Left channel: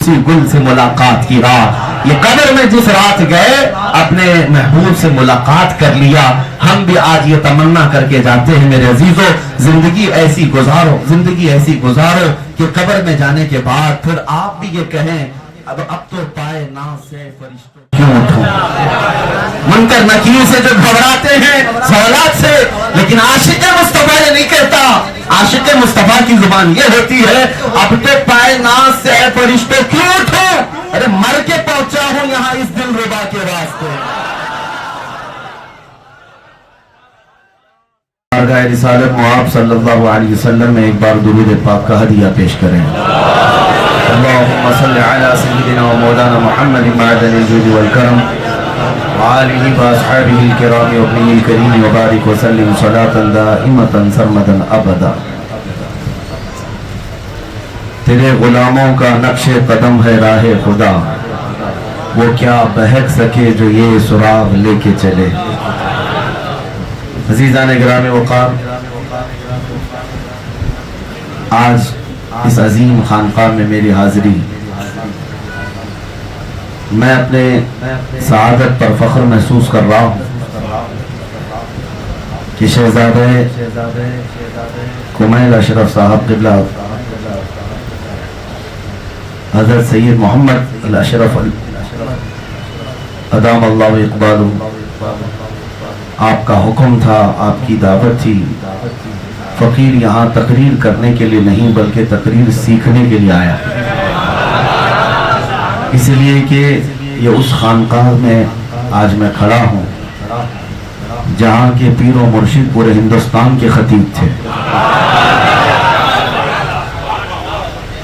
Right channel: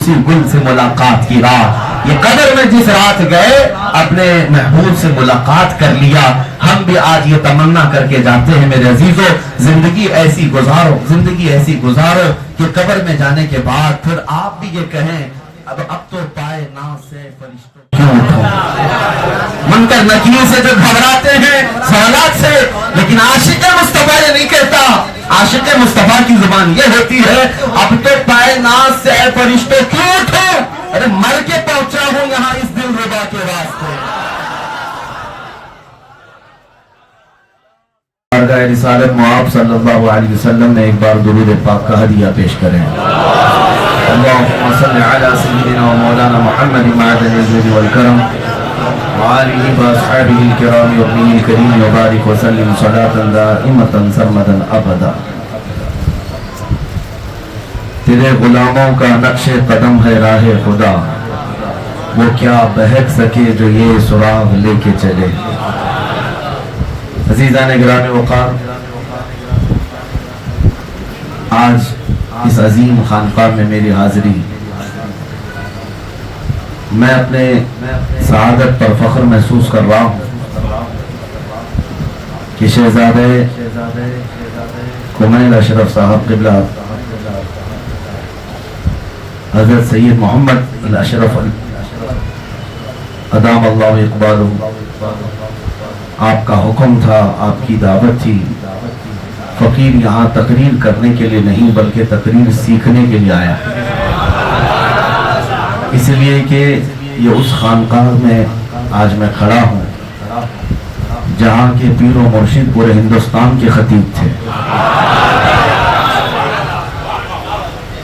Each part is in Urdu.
اسی گل سے ملاقات کی رات، یہ قدر میں جس رات گئے اپنے محبوب سے ملاقات کر لیا۔ ہم بھی آج یہ تمنا کر کے جاتے ہیں میرے عزیزو، زندگی ایسی گزارو، زندگی ایسی گزارو کہ قبر میں جانے کے بعد پھر آپ بھی یہ کہیں اب تو پائے ناز سے فرشتوں کیوں اٹھو، منکر نکیر سے جو گھبراتے ہیں سوالات سے، لیکن عاشق مصطفیٰ نے نہیں کہتا۔ عاشق مصطفیٰ کی زبان یہ ہوتی ہے اب تو پائے ناز سے فرشتوں کیوں اٹھو، ارے مر کے پہنچا ہوں یہاں اس دل ربا کے واسطے۔ درگاہ رسالت معاب صلی اللہ علیہ وسلم میں ایک بار درود پاک کا ہدیہ پیش کریں۔ اللہم صلی علی سیدنا و مولانا محمد معدن الجود والکرم وآلہ واصحابہ الکرام ابنی الکریم وبارک وسلم صلاة دائمتا سرمدا ابدا۔ تیرے غلاموں کا نقش قدم ہے راہ خدا، وہ کیا بہک سکے جو یہ سراغ لے کے چلے۔ عزیزان گرامی وقار، آج اس عظیم خانقاہ میں میری حاضری، میں اپنے سعادت پر فخر محسوس کر رہا ہوں کہ شہزادے کمیل اشرف صاحب قبلہ حضرت سید محمد الاشرف ادام اللہ اقبالہ، آپ کا حکم تھا، آپ کی دعوت تھی، فقیر یہاں تقریر کرنے کے لیے نہیں بلکہ تقریر سیکھنے کے لیے آیا، اس لیے کہ یہ اس خانقاہ میں آج میں کھڑا ہوں جہاں کے پیر و مرشد پورے ہندوستان کے خطیب تھے۔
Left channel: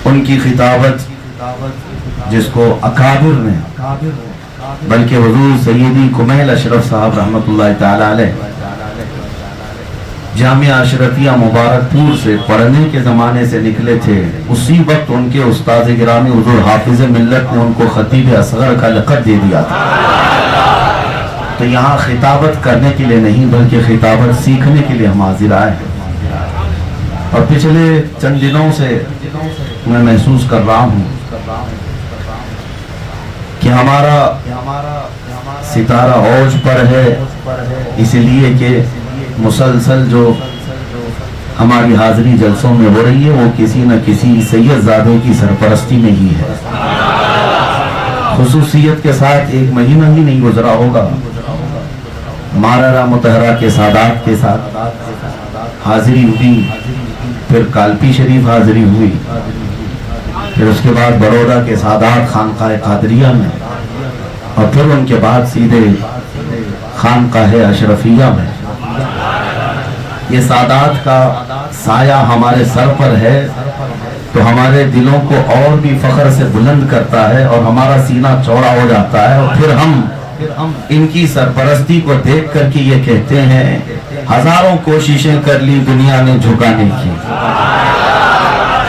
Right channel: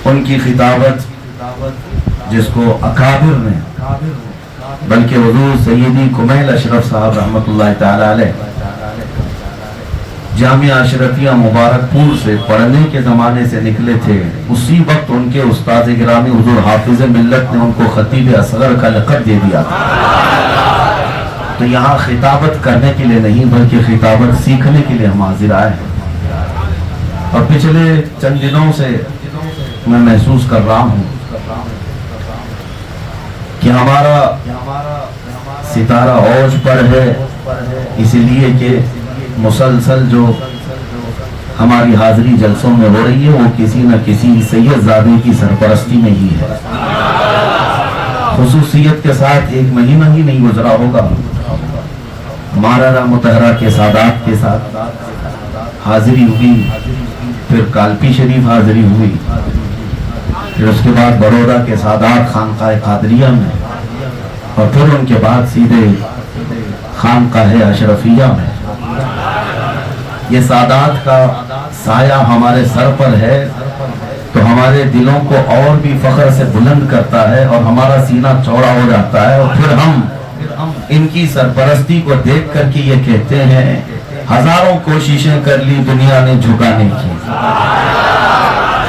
ان کی خطابت جس کو اکابر میں بلکہ حضور سیدی کمیل اشرف صاحب رحمت اللہ تعالی علیہ جامعہ اشرفیہ مبارک پور سے پڑھنے کے زمانے سے نکلے تھے، اسی وقت ان کے استاد گرامی حضور حافظ ملت نے ان کو خطیب اصغر کا لقب دے دیا تھا۔ تو یہاں خطابت کرنے کے لیے نہیں بلکہ خطابت سیکھنے کے لیے ہم حاضر آئے ہیں، اور پچھلے چند دنوں سے میں محسوس کر رہا ہوں کہ ہمارا ستارہ اوج پر ہے، اس لیے کہ مسلسل جو ہماری حاضری جلسوں میں ہو رہی ہے وہ کسی نہ کسی سید زادے کی سرپرستی میں ہی ہے۔ خصوصیت کے ساتھ ایک مہینہ ہی نہیں گزرا ہوگا، مارالا متحرہ کے سادات کے ساتھ حاضری ہوئی، پھر کالپی شریف حاضری ہوئی، پھر اس کے بعد بڑودہ کے سادات خانقاہ قادریہ میں، اور پھر ان کے بعد سیدھے خانقاہ اشرفیہ میں۔ یہ سادات کا سایہ ہمارے سر پر ہے تو ہمارے دلوں کو اور بھی فخر سے بلند کرتا ہے اور ہمارا سینہ چوڑا ہو جاتا ہے، اور پھر ہم ان کی سرپرستی کو دیکھ کر کے یہ کہتے ہیں ہزاروں کوششیں کر لی دنیا نے جھکانے کی،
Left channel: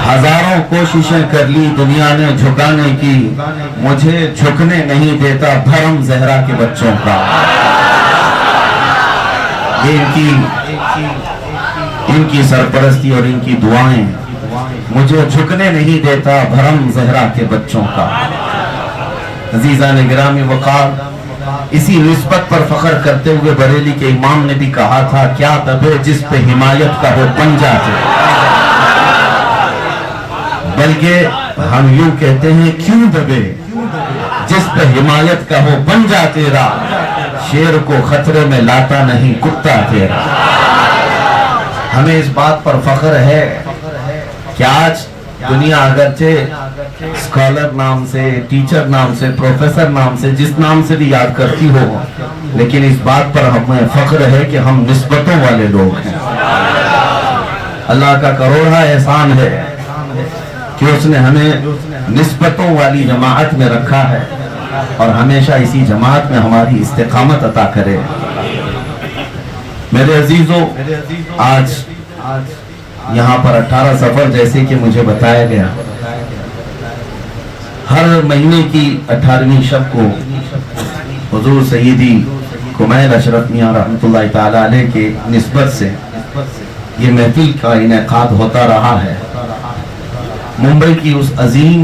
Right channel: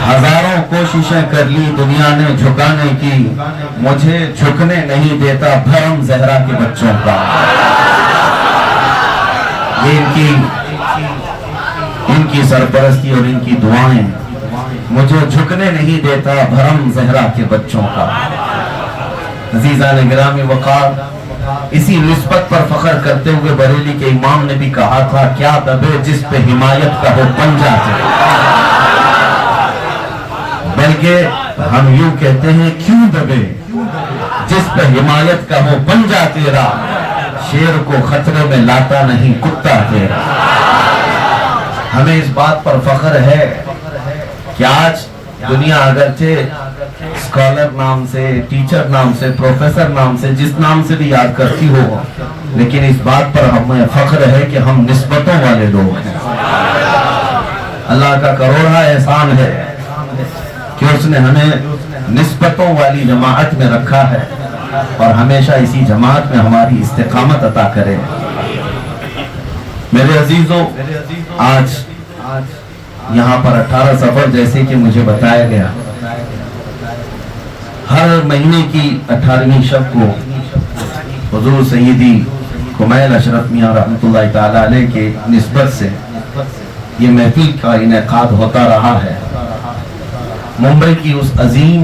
ہزاروں کوششیں کر لی دنیا نے جھکانے کی، مجھے جھکنے نہیں دیتا بھرم زہرا کے بچوں کا۔ ان کی سرپرستی اور ان کی دعائیں مجھے جھکنے نہیں دیتا بھرم زہرا کے بچوں کا۔ عزیزان گرامی وقار، اسی نسبت پر فخر کرتے ہوئے بریلی کے امام نے بھی کہا تھا کیا دبے جس پہ حمایت کا ہو بن جاتے، بلکہ ہم یوں کہتے ہیں کیوں دبے جس پہ حمایت کا ہو بن جا تیرا، شیر کو خطرے میں لاتا نہیں کتا تیرا۔ ہمیں اس بات پر فخر ہے کہ آج دنیا اگرچہ اسکالر نام سے، ٹیچر نام سے، پروفیسر نام سے، جس نام سے بھی یاد کرتی ہو، لیکن اس بات پر ہمیں فخر ہے کہ ہم نسبتوں والے لوگ ہیں۔ اللہ کا کروڑا احسان ہے کہ اس نے ہمیں نسبتوں والی جماعت میں رکھا ہے اور ہمیشہ اسی جماعت میں ہماری استقامت عطا کرے۔ میرے عزیزوں، آج یہاں پر 18 سفر جیسے کہ مجھے بتایا گیا، ہر مہینے کی 18ویں شب کو حضور سیدی کمیل اشرف میاں رحمت اللہ تعالی علیہ کے نسبت سے یہ محفل کا انعقاد ہوتا رہا ہے۔ ممبئی کی اس عظیم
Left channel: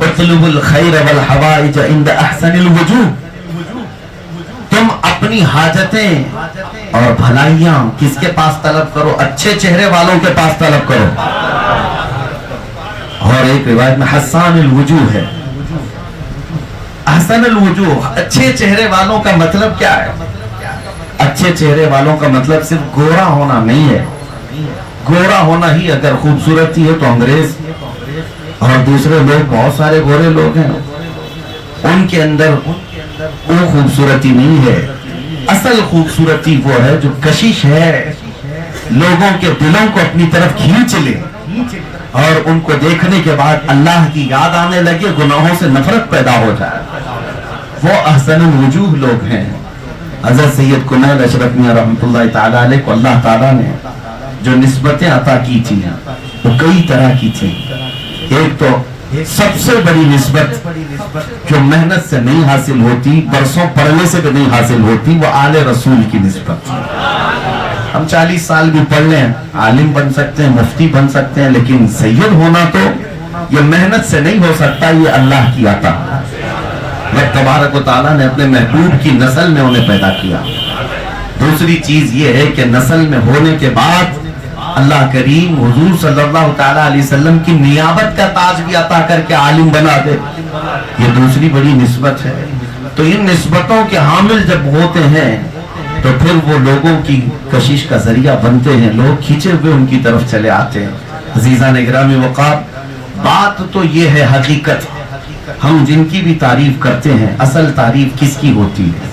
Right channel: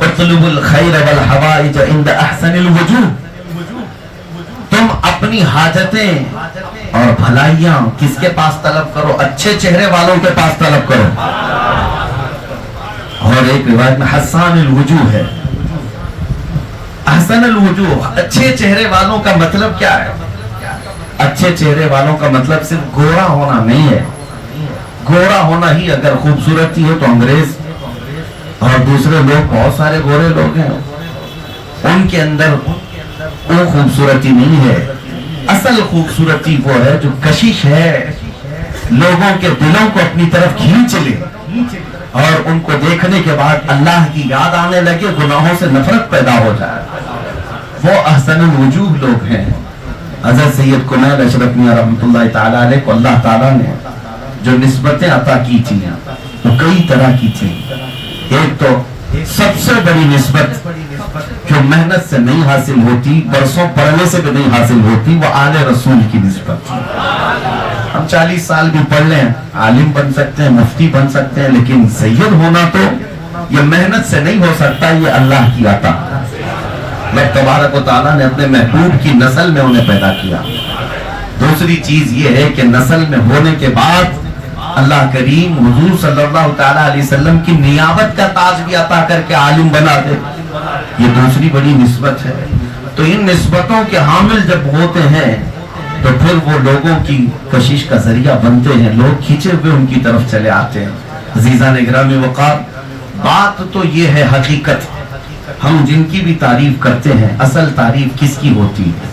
اطلب الخیر والحوائج عند احسن الوجوہ، تم اپنی حاجتیں اور بھلائیاں کس کے پاس طلب کرو؟ اچھے چہرے والوں کے پاس طلب کرو۔ اور ایک روایت میں حسان الوجوہ ہے۔ حسن الوجوہ، اچھے چہرے والوں کا مطلب کیا ہے؟ اچھے چہرے والوں کا مطلب صرف گورا ہونا نہیں ہے۔ گورا ہونا ہی اگر خوبصورتی ہے تو انگریز اور دوسرے لوگ، بہت سارے گورے لوگ ہیں، ان کے اندر وہ خوبصورتی نہیں ہے۔ اصل خوبصورتی وہ ہے جو کشش ہے، لوگوں کے دلوں کو اپنی طرف کھینچ لے اور ان کو دیکھنے کے بعد اللہ کی یاد آنے لگے، گناہوں سے نفرت پیدا ہو جائے، وہ احسن الوجوہ لوگ ہیں۔ حضرت سید کنیل اشرف میاں رحمۃ اللہ تعالیٰ علیہ کو اللہ تعالیٰ نے جو نسبتیں عطا کی تھیں وہ کئی طرح کی تھیں۔ ایک تو سب سے بڑی نسبت جو محنت سے نہیں حاصل ہوتی، برسوں پڑھنے سے بھی نہیں حاصل ہوتی، وہ آل رسول کی نسبت۔ ہم 40 سال بھی پڑھ لیں، عالم بن سکتے ہیں، مفتی بن سکتے ہیں، لیکن سید ہونا تو یہ محنت سے نہیں ہو سکتا، یہ اللہ کی عطا۔ رب تبارک و تعالیٰ نے اپنے محبوب کی نسل میں انہیں پیدا کیا۔ دوسری چیز یہ ہے کہ نسل میں ہونے کے بعد اللہ کریم حضور صلی اللہ تعالیٰ علیہ وسلم کی نیابت کا تاج بھی عطا کر کے عالم بنا دے، یہ دوسری بڑی نسبت ہے۔ تو ان نسبتوں کے حامل جب ہوتے ہیں تو پھر وہ لوگوں کی کشش کا ذریعہ بنتے ہیں، لوگ کھینچے ہوئے ان کی طرف چلے آتے ہیں۔ عزیزان گرامی وقار، بات تو یہ ہے، حقیقت ہم جن کی بھی تعریف کرتے ہیں، اصل تعریف کس کی ہوتی ہے؟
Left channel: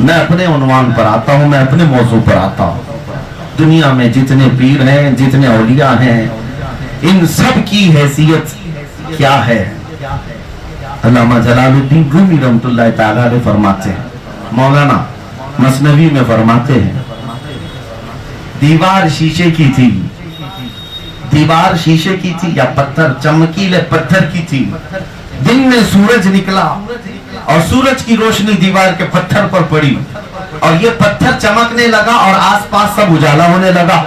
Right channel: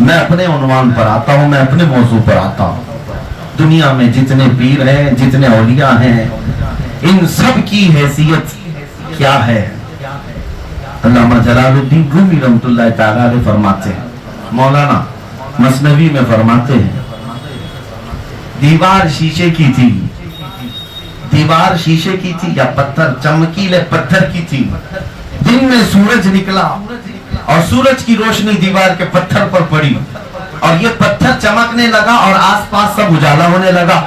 میں اپنے عنوان پر آتا ہوں، میں اپنے موضوع پر آتا ہوں۔ دنیا میں جتنے پیر ہیں، جتنے اولیاء ہیں، ان سب کی حیثیت کیا ہے؟ علامہ جلال الدین رومی رحمۃ اللہ تعالیٰ علیہ فرماتے ہیں، مولانا مثنوی میں فرماتے ہیں، دیوار شیشے کی تھی، دیوار شیشے کی تھی یا پتھر، چمکیلے پتھر کی تھی۔ دن میں سورج نکلا اور سورج کی روشنی دیوار کے پتھر پر پڑی اور یہ پتھر چمکنے لگا اور آس پاس سب اجالا ہونے لگا۔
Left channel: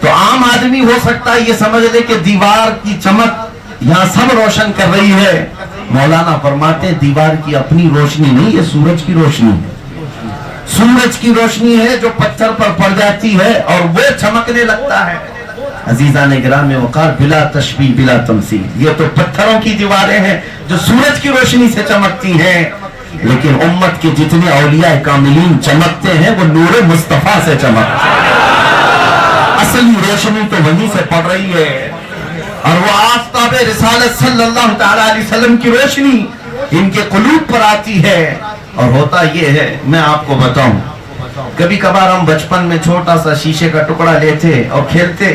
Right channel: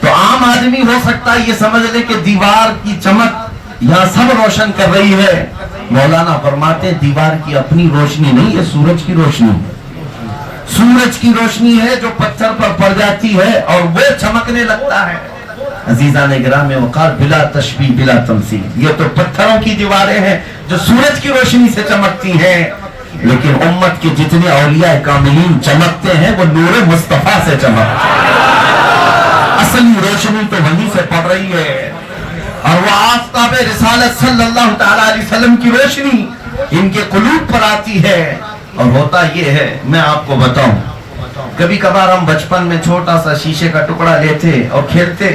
تو عام آدمی ہو سکتا ہے یہ سمجھ لے کہ دیوار کی چمک یہاں سب روشن کر رہی ہے۔ مولانا فرماتے ہیں دیوار کی اپنی روشنی نہیں، یہ سورج کی روشنی ہے۔ سورج کی روشنی ہے جو پتھر پر پڑ جاتی ہے اور وہ چمکنے لگتا ہے۔ عزیزان گرامی وقار، بلا تشبیہ بلا تمثیل، یہ تو پتھروں کی دیواریں ہیں جو سورج کی روشنی سے چمکتی ہیں، لیکن امت کے جتنے اولیاء کاملین چمکتے ہیں وہ نور مصطفیٰ سے چمکتے ہیں۔ اصلی روشنی تو وہیں سے پڑ رہی ہے اور وہ آفتاب رسالت صلی اللہ تعالیٰ علیہ وسلم کی روشنی ان کے قلوب پر آتی ہے۔ اور ہوتا یہ ہے، میں آپ کو بتاؤں، کبھی کبھار ہم بچپن میں چھوٹا سا شیشے کا ٹکڑا لیتے اور کھیلتے،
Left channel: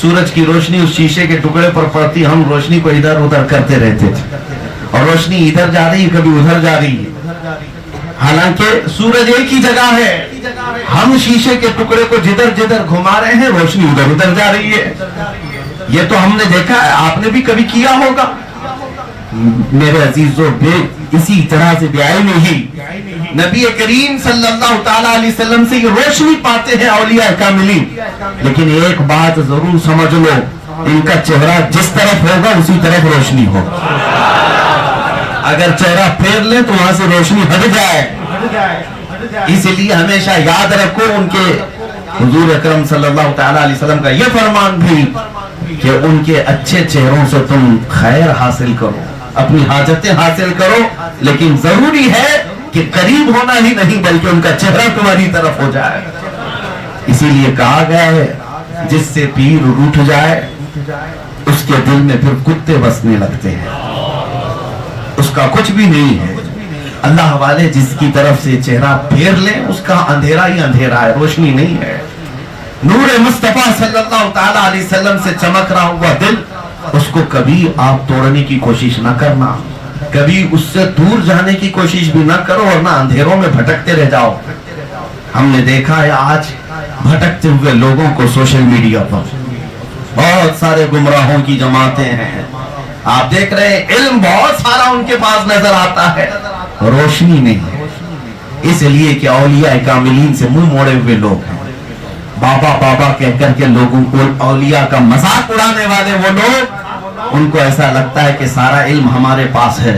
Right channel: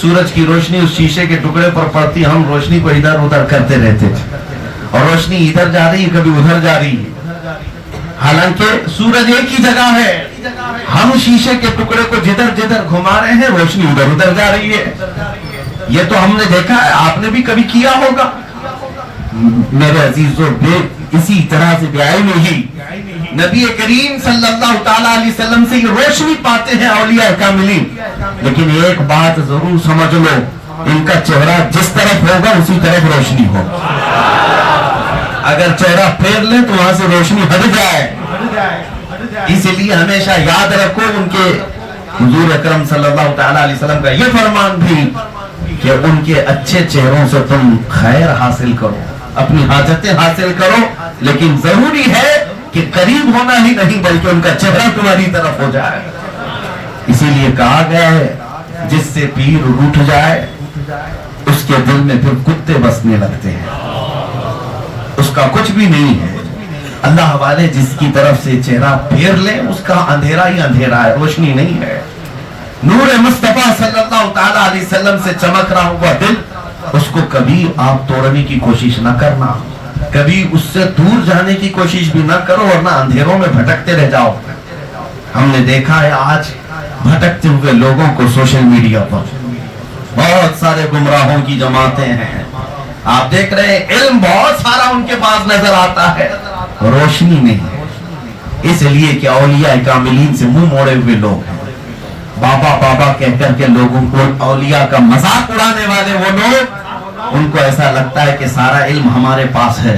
سورج کی روشنی اس شیشے کے ٹکڑے پر پڑتی، ہم روشنی کو ادھر ادھر کرتے رہتے تھے اور روشنی ادھر جا رہی ہے، کبھی ادھر جا رہی ہے، حالانکہ سورج ایک ہی جگہ ہے، ہم شیشے کے ٹکڑے کو جدھر جدھر گھما رہے ہیں، روشنی ادھر ادھر جا رہی ہے۔ یہ تو ہم نے دیکھا ہے، آپ نے بھی کبھی کیا ہوگا۔ میرے عزیزو، اسی طرح سے بھی آئے نہیں، نبی کریم صلی اللہ تعالیٰ علیہ وسلم سے یہ روشنی پاتے ہیں اولیاء کاملین، لیکن ایک بات ضرور سمجھ لو، ان کا چہرہ جس طرف ہوگا اسی طرف روشنی ہوگا۔ اگر چہرہ پھیر لیں تو وہاں سے روشنی ہٹ جائے۔ اس لیے ہمیشہ یاد رکھو ان کے حضور اکرم صلی اللہ تعالیٰ علیہ وسلم کا یہ فرمان بھی کہ ان کے اچھے چہروں سے تم خیر حاصل کرو، اپنی حاجتیں حاصل کرو، لیکن ضروری ہے کہ قریب ہونا ہی نہیں بلکہ ان کا چہرہ تمہاری طرف ہو جائے۔ اسی لیے کہا گیا ہے، جس سے پیر روٹھ جائے اس کے دل میں پھر کتے بسنے لگتے ہیں، اس کا کچھ بھی نہیں ہے۔ اللہ والے جس کی طرف سے چہرہ پھیر لیں اس کا اندھیرا ہی اندھیرا ہے، روشنی نہیں ہے۔ نور مصطفیٰ صلی اللہ تعالیٰ علیہ وسلم سے چمک رہا ہوا دل، اس کو کبھی آپ توڑنے کی کوشش نہ کرنا، کبھی اس سے دور جانے کی کوشش بھی نہ کرو، ورنہ اندھیروں میں بھٹکتے رہ جاؤ۔ ہم نے دیکھا ہے آج بھٹکتے ہوئے لوگوں کو سوشل میڈیا پر، بہت سارے گمراہوں کی جماعتیں ہیں، آپ دیکھ رہے ہیں علم بہت سارا ان کے پاس نظر آتا ہے، روشنی نہیں ہے، اس لیے کہ اولیاء کاملین سے منہ موڑے ہوئے لوگ ہیں۔ بابا بابا کہہ کر کے لوگوں کو اولیاء کا مذاق اڑانے والے وہ لوگ ان کو ایسا لگتا ہے کہ سارا علم ہمارے پاس ہے،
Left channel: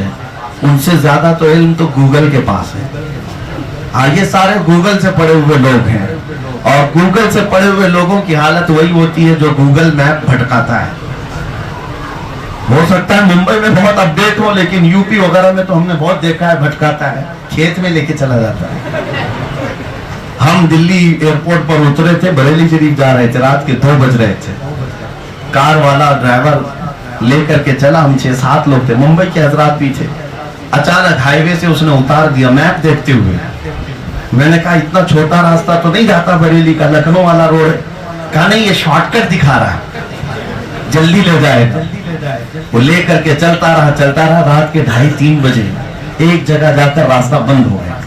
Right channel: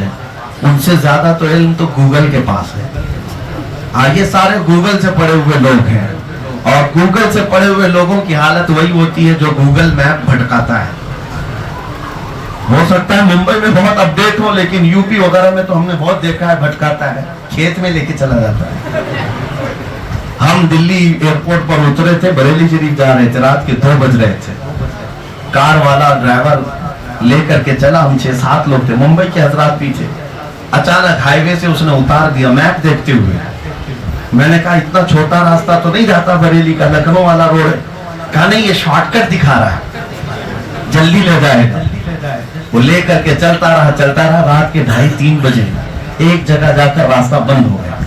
ان سے زیادہ تو علم تو گوگل کے پاس ہے۔ یہ سارے گوگل سے پڑھے ہوئے لوگ ہیں، اور گوگل سے پڑھے ہوئے لوگوں کی حالت وہی ہوتی ہے جو گوگل میپ بھٹکاتا ہے۔ ہو سکتا ہے ممبئی میں بہت اپڈیٹ ہو، لیکن یو پی وغیرہ میں تو ہم نے بہت دیکھا ہے بھٹکاتا ہے، کھیت میں لے کے چلا جاتا ہے۔ ہم دلی ایئرپورٹ پر اترے تھے، بریلی شریف جا رہے تھے، رات کے 2 بج رہے تھے، کار والا ڈرائیور لے کر کے چلا، ہم 6-7 لوگ تھے، ممبئی کے حضرات بھی تھے۔ اچانک ہائی وے سے اس نے اتار دیا میپ دیکھتے ہوئے۔ میں نے کہا اتنا چھوٹا راستہ تو نہیں جاتا بریلی کا، لکھنؤ والا روڈ ہے۔ کہا نہیں، یہ شارٹ کٹ دکھا رہا ہے، جلدی لے جائے گا۔ وہ لے کر کے چلتا رہا، رات کے 2:30-3 بجے ایک جگہ جا کر راستہ بند ہو گیا،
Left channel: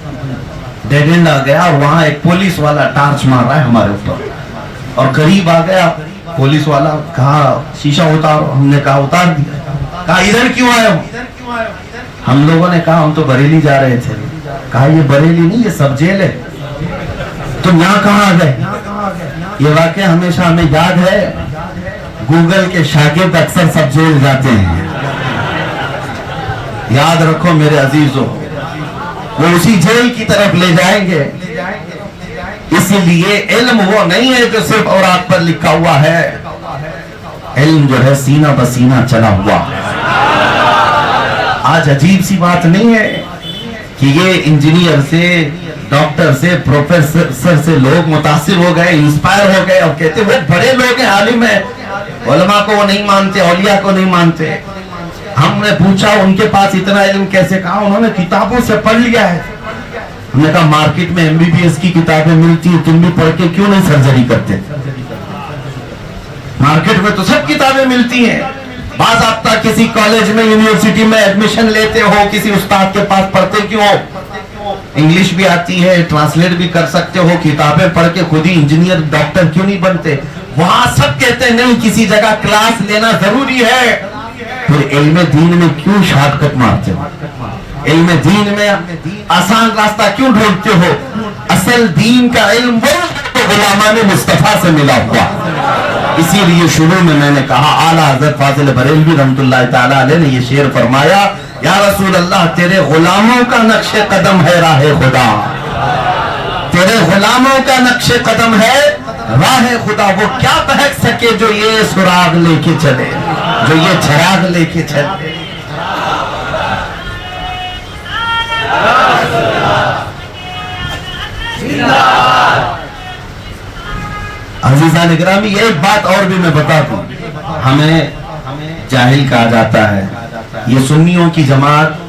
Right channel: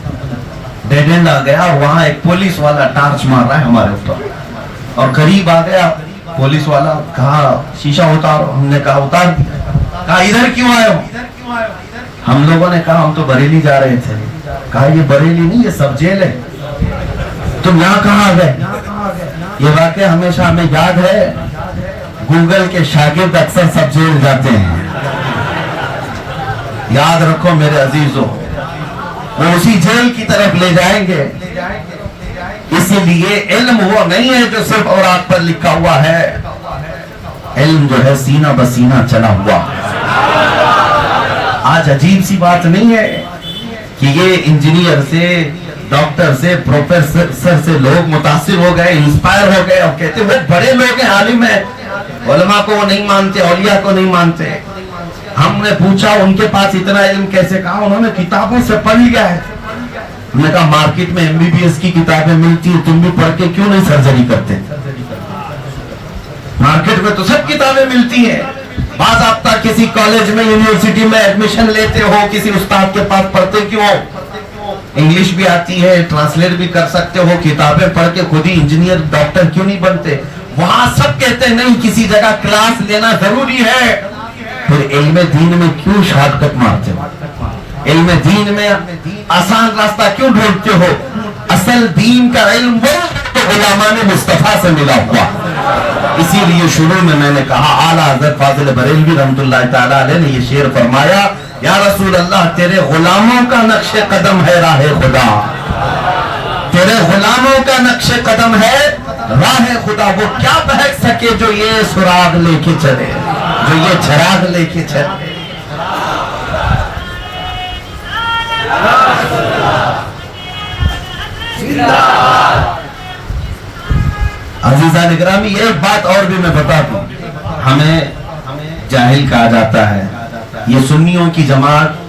ڈیڈ اینڈ آ گیا، اور وہاں ایک پولیس والا ٹارچ مار رہا ہے ہمارے اوپر، اور قریب آ گیا پولیس والا، کہا شیشہ اتار، ہم نے کہا اتار دیا۔ کہا ادھر کیوں آئے ہو؟ ہم لوگوں نے کہا ہم تو بریلی جا رہے تھے۔ کہا یہ بریلی نہیں، یہ سب جیل ہے، تم یہاں کہاں آ گئے؟ یہ واقعہ ہمیشہ ہمیں یاد ہے، گوگل کے شاگرد اکثر سب جیل جاتے ہیں، یاد رکھو میرے عزیزوں، وہ اسی جیل کی طرف لے جائیں گے۔ اسی لیے علم وہ نہیں ہے جو صرف اوراق پر لکھا ہوا ہے، علم جو ہے سینہ بسینہ چلا ہوا ہے۔ آج عجیب سی بات نہیں ہے کہ یہ انجینئر سے، ڈاکٹر سے، پروفیسر سے لوگ متاثر ہو گئے، انسپائر ہو گئے، اور کہتے وہ بڑے لوگ ہیں، عالم ہیں، علماء کو وہ نہیں مانتے، اولیاء کو نہیں مانتے۔ ہم نے پوچھا ان کے پاس اتنا علم کیسے؟ کہا انہوں نے کتابوں سے پڑھ لیا ہے۔ ہم نے کہا مارکیٹ میں MBBS کی کتابیں ملتی ہیں، تم بھی پڑھ کے کیوں نہیں سرجری کرتے؟ مارکیٹ میں تو سب کتابیں ملتی ہیں، بعض آپ کسی کالج میں، یونیورسٹی میں ایڈمیشن لیتے ہو، کسی استاد کے پاس پڑھتے کیوں ہو؟ انگلش بھی آتی ہے، ٹرانسلیٹ بھی کر سکتے ہو، کتابیں پڑھ کے خود ہی انجینئر ڈاکٹر کیوں نہیں بنتے؟ وہاں سب کہتے ہیں نہیں، کسی جگہ کلاس لینا ضروری ہے۔ پھر علم دین میں کیوں شارٹ کٹ مارتے ہو؟ علم دین میں آسان راستہ کیوں ڈھونڈتے ہو؟ اصل دین کا علم وہ غلامان مصطفیٰ سے ملا ہوا۔ اسی لیے شروع میں نے کہا، اعلیٰ حضرت فاضل بریلوی رحمۃ اللہ تعالیٰ علیہ نے یہ شعر فرمایا، یا رسول اللہ تیرے غلاموں کا نقش قدم ہے راہ خدا، تیرے غلاموں کا نقش قدم ہے راہ خدا، وہ کیا بہک سکے جو یہ سراغ لے کے چلے، جو یہ چراغ لے کے چلے۔ عزیزان اکرامی، ایک بات اور بھی میں بتا دوں، ہمیں جاہل کہا جاتا ہے، یہ سنیوں کی جماعت،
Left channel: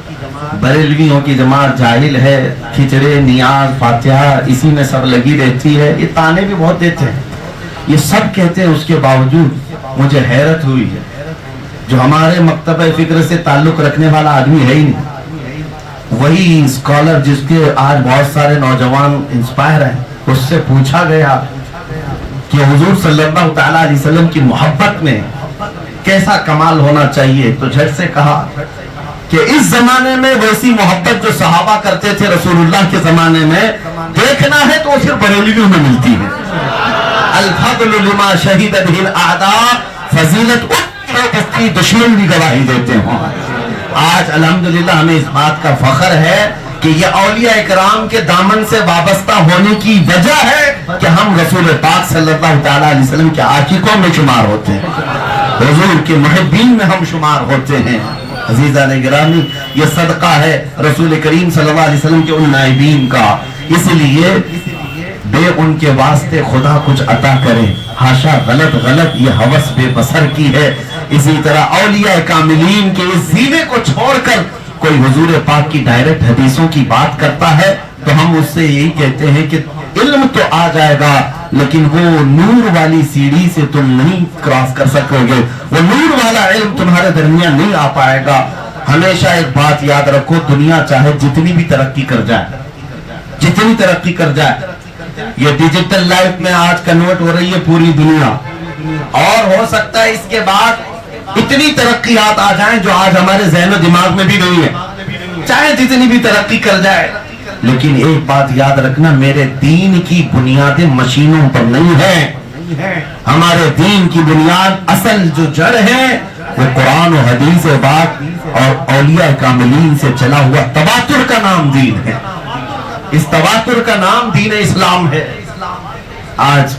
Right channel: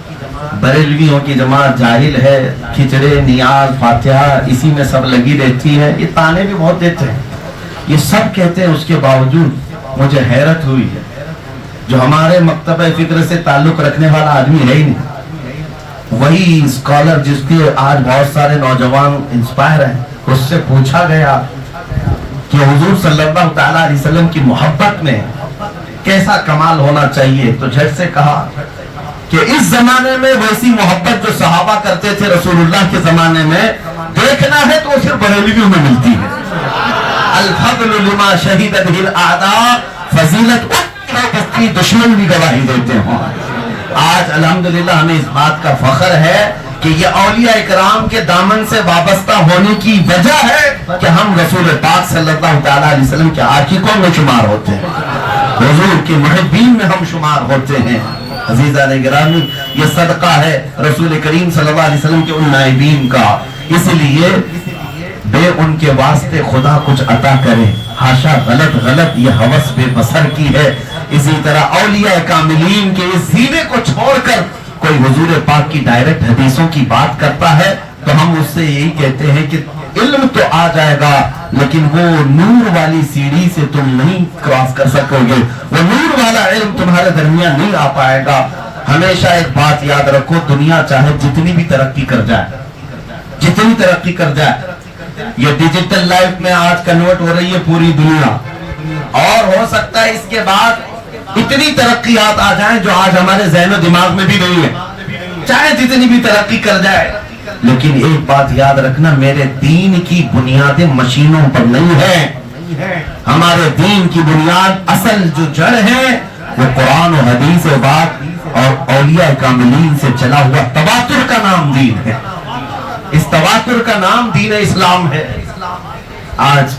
بریلویوں کی جماعت جاہل ہے، کھچڑے، نیاز، فاتحہ اسی میں سب لگی رہتی ہے، یہ تانے بھی بہت دیتے ہیں، یہ سب کہتے ہیں، اس کے باوجود مجھے حیرت ہوئی ہے، جو ہمارے مکتبہ فکر سے تعلق رکھنے والا آدمی ہے ہی نہیں، وہی اسکالر جس کے آج بہت سارے نوجوان انسپائر ہیں، اس سے پوچھا گیا کہ حضور صلی اللہ تعالیٰ علیہ وسلم کی محبت میں کیسا کمال ہونا چاہیے، تو جھٹ سے کہا کہ اس زمانے میں ویسی محبت جو صحابہ کرتے تھے رسول اللہ کے زمانے میں دیکھنا ہے تو صرف بریلویوں میں ملتی ہے۔ الفضل لما شہید به الاعداء، فضیلت اس کی دشمن بھی گواہی دیتے ہیں۔ آج الحمدللہ ہمیں اس بات کا فخر ہے کہ یہ اولیاء اکرام کے دامن سے وابستہ ہونے کی وجہ ہے کہ ہم رسول پاک صلی اللہ تعالیٰ علیہ وسلم کے عاشقوں میں شمار ہوتے ہیں، حضور کے محبین میں ہم شمار ہوتے ہیں۔ عزیزان گرامی، یہ صدقہ ہے رسول کریم صلی اللہ علیہ وسلم کے ان نائبین کا، اس لیے بے ان کے واسطے خدا کچھ عطا کرے، ہاشا غلط یہ ہوس بے بصر کی ہے۔ اسی طرح اولیاء کاملین کے اس سینے کو چھوڑ کر کوئی حضور پاک کی ڈائریکٹ حدیثوں کی بات کرتا ہے تو ہم اس سے یہی کہتے ہیں کہ علم تو آ جائے گا لیکن وہ نور والی سیڑھی سے تم نہیں کراس کر سکو گے، وہ نور والا علم تمہارے درمیان نہیں آ پائے گا۔ ہمیشہ ایک بات یاد رکھو، دنیا چاہے جتنی بھی ترقی کر جائے، جتنی ترقی کر جائے، یہ ڈیجیٹل لائف میں آج کنورٹ ہو رہی ہے پوری دنیا، اور ہو سکتا ہے اس کے بعد اتنی ترقیات آ جائیں جو آج ہمارے ذہن و دماغ میں بھی نہیں ہے، چاہے جتنی بھی ترقی کر جائے، لیکن ایک بات یاد رکھنا، میرے دین کی بنیادیں مشینوں پر نہیں ہے، ہمارے دین کی بنیاد، اصل جو جڑ ہے وہ قرآن و حدیث و بات اور اولیاء کاملین سے چلا ہوا تواتر کا نام دین ہے. اس تواتر کا نام دین اسلام ہے. آج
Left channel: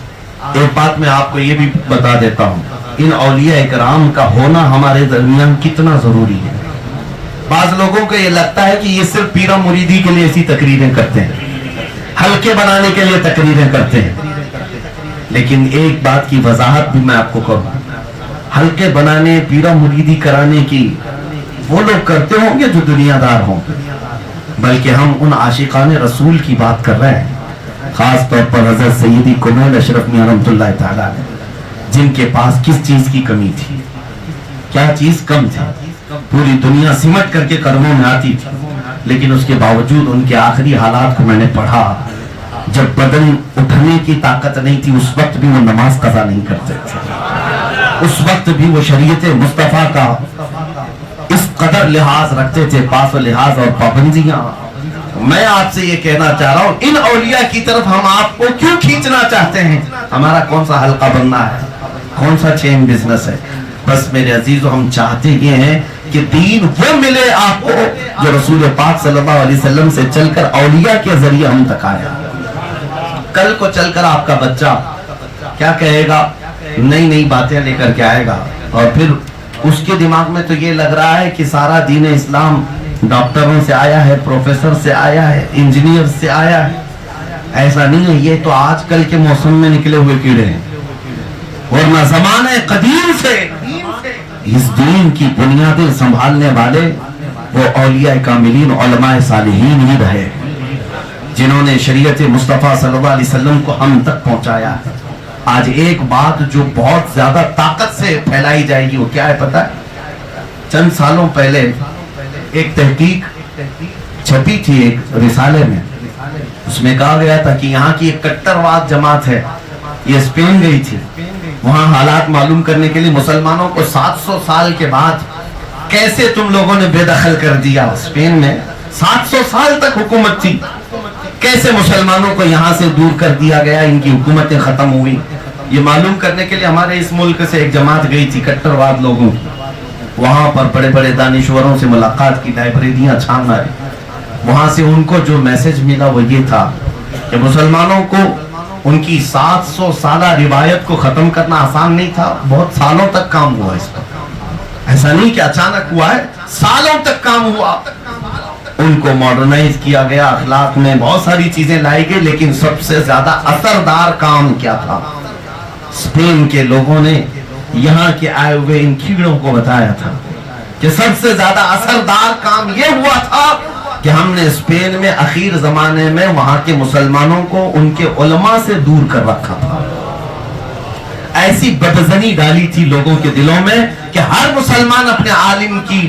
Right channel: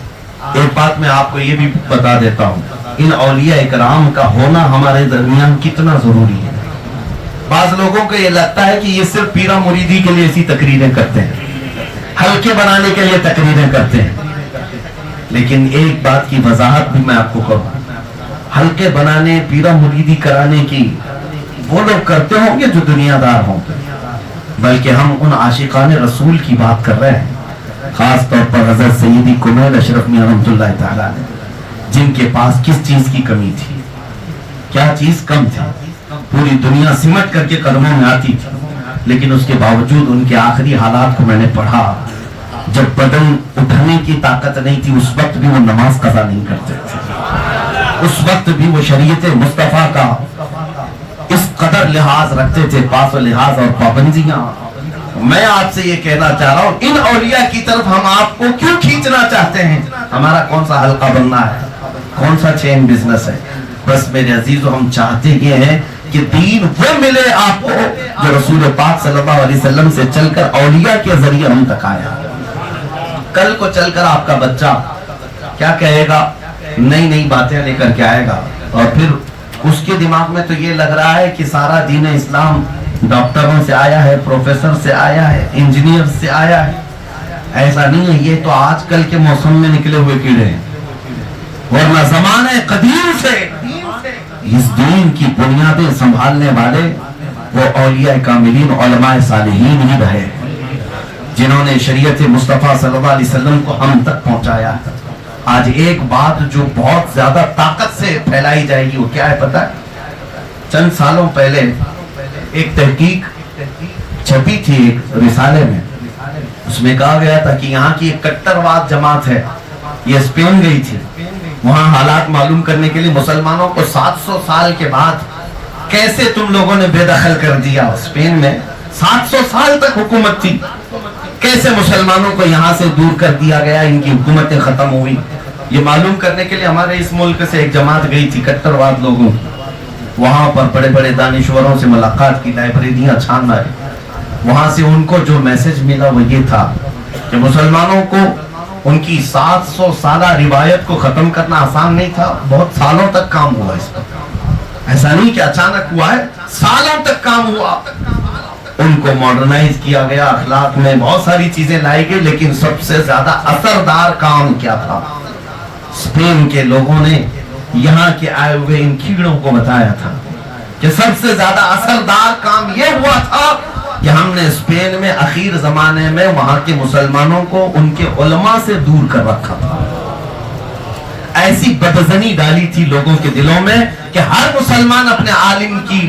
ایک بات میں آپ کو یہ بھی بتا دیتا ہوں، ان اولیاء کرام کا ہونا ہمارے درمیان کتنا ضروری ہے. بعض لوگوں کو یہ لگتا ہے کہ یہ صرف پیرا مریدی کے لیے ایسی تقریریں کرتے ہیں، حلقے بنانے کے لیے تقریریں کرتے ہیں. لیکن ایک بات کی وضاحت بھی میں آپ کو کروں، حلقے بنانے، پیرا مریدی کرانے کی وہ لوگ کرتے ہوں گے جو دنیا دار ہوں گے، بلکہ ہم ان عاشقان رسول کی بات کر رہے ہیں. خاص طور پر حضرت سیدی کنول اشرف میاں رحمۃ اللہ تعالیٰ نے، جن کے پاس کس چیز کی کمی تھی، کیا چیز کم تھی. پوری دنیا سمٹ کر کے قدموں میں آتی تھی، لیکن اس کے باوجود ان کے آخری حالات کو میں نے پڑھا. جب بدن اٹھنے کی طاقت نہیں تھی، اس وقت بھی وہ نماز قضا نہیں کرتے تھے. اس وقت بھی وہ شریعت مصطفیٰ کا اس قدر لحاظ رکھتے تھے، پاس و لحاظ اور پابندیاں. میں آپ سے یہ کہنا چاہ رہا ہوں، ان اولیاء کی طرف ہم آپ کو کیوں کھینچنا چاہتے ہیں؟ ہمارا کون سا حلقہ بننا ہے، کون سا چین بزنس ہے؟ بس میرے عزیزو، ہم چاہتے یہ ہیں کہ دین وہ ملے آپ کو جو رسول پاک صلی اللہ علیہ وسلم سے چل کر اولیاء کے ذریعے ہم تک آیا. کل کو چل کر آپ کا بچہ کیا کہے گا؟ نئی نئی باتیں لے کر کے آئے گا، اور پھر اس کے دماغ میں تو یہ لگ رہا ہے کہ سارا دین اسلام ڈاکٹروں سے آیا ہے، پروفیسر سے آیا ہے، انجینئر سے آیا ہے. ایسا نہیں ہے، یہ تو آج کل کے موسم میں نکلے ہوئے کیڑے ہیں، ورنہ زمانے قدیم سے اس دین کی بنیادیں سنبھالنے والے وہ اولیاء کاملین، علماء صالحین ہی رہے، جنہوں نے شریعت مصطفیٰ صلی اللہ علیہ وسلم کو ہم تک پہنچایا. آج ایک بات جو بہت زیادہ طاقت سے پھیلائی جائے گی، وہ کیا ہے پتہ؟ چند سالوں پہلے ایک تحقیق چھپی تھی ایک رسالے میں، اس میں کہا گیا تھا کہ یہاں کی ایک کٹرواد جماعت ہے، یہ اسپین گئی تھی. وہاں حالات معلوم کرنے کے لیے مسلمانوں کو 700 سال کے بعد کیسے تم لوگوں نے بے دخل کر دیا. اسپین میں 700 سال تک حکومت تھی، کیسے مسلمانوں کو یہاں سے دور کر دیا گیا، ان کی حکومتیں ختم ہوئی. یہ معلوم کرنے کے لیے ہمارے اس ملک سے ایک جماعت گئی تھی کٹرواد لوگوں کی. وہاں پر بڑے بڑے دانشوروں سے ملاقات کی، لائبریریاں چھان آئے. وہاں سے ان کو جو میسج ملا وہ یہ تھا کہ مسلمانوں کو ان کی 700 سالہ روایت کو ختم کرنا آسان نہیں تھا، بہت سالوں تک کام ہوا اس پر. ایسا نہیں کہ اچانک ہوا ہے، سالوں تک کام ہوا. ان کو ماڈرنائز کیا گیا، اخلاق میں بہت ساری چیزیں لائی گئی، لیکن سب سے زیادہ اثردار کام کیا تھا؟ اسپین کے لوگوں نے یہاں کے آئے ہوئے ان کیڑوں کو بتایا تھا کہ سب سے زیادہ اثردار کام یہ ہوا تھا کہ ہم نے اسپین میں اخیر زمانے میں وہاں کے مسلمانوں کو ان کے علماء سے دور کر رکھا تھا. ایسی بدزنی ڈالی تھی لوگوں کے دلوں میں کہ ہر مسلمان اپنے عالم کی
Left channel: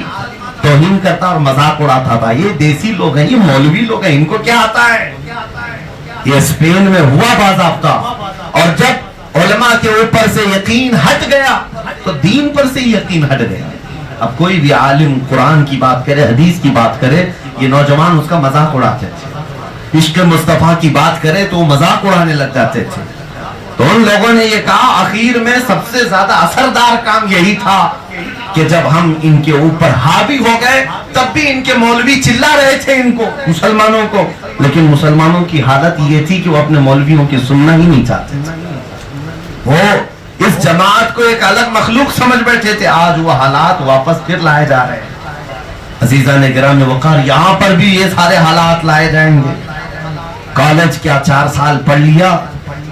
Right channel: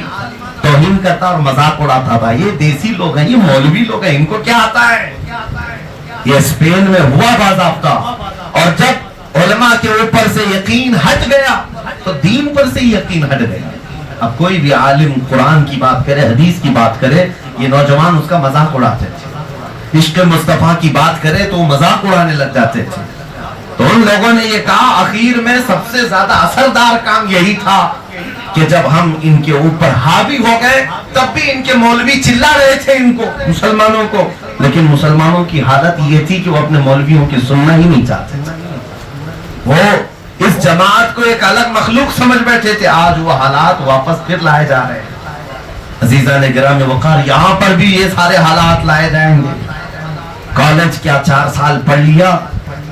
توہین کرتا اور مذاق اڑاتا تھا. یہ دیسی لوگ ہیں، یہ مولوی لوگ ہیں، ان کو کیا آتا ہے؟ یہ اسپین میں ہوا باضابطہ. اور جب علماء کے اوپر سے یقین ہٹ گیا تو دین پر سے یقین ہٹ گیا. اب کوئی بھی عالم قرآن کی بات کرے، حدیث کی بات کرے، یہ نوجوان اس کا مذاق اڑاتے تھے. عشق مصطفیٰ کی بات کرے تو وہ مذاق اڑانے لگ جاتے تھے. تو ان لوگوں نے یہ کہا آخر میں سب سے زیادہ اثردار کام یہی تھا کہ جب ہم ان کے اوپر حاوی ہو گئے تب بھی ان کے مولوی چلا رہے تھے ان کو، مسلمانوں کو، لیکن مسلمانوں کی حالت یہ تھی کہ وہ اپنے مولویوں کی سننا ہی نہیں چاہتے تھے. وہ اس جماعت کو ایک الگ مخلوق سمجھ بیٹھے تھے. آج وہ حالات واپس پھر لائے جا رہے ہیں. عزیزان گرامی وقار، یہاں پر بھی یہ سارے حالات لائے جائیں گے. کالج کیا 4 سال پڑھ لیا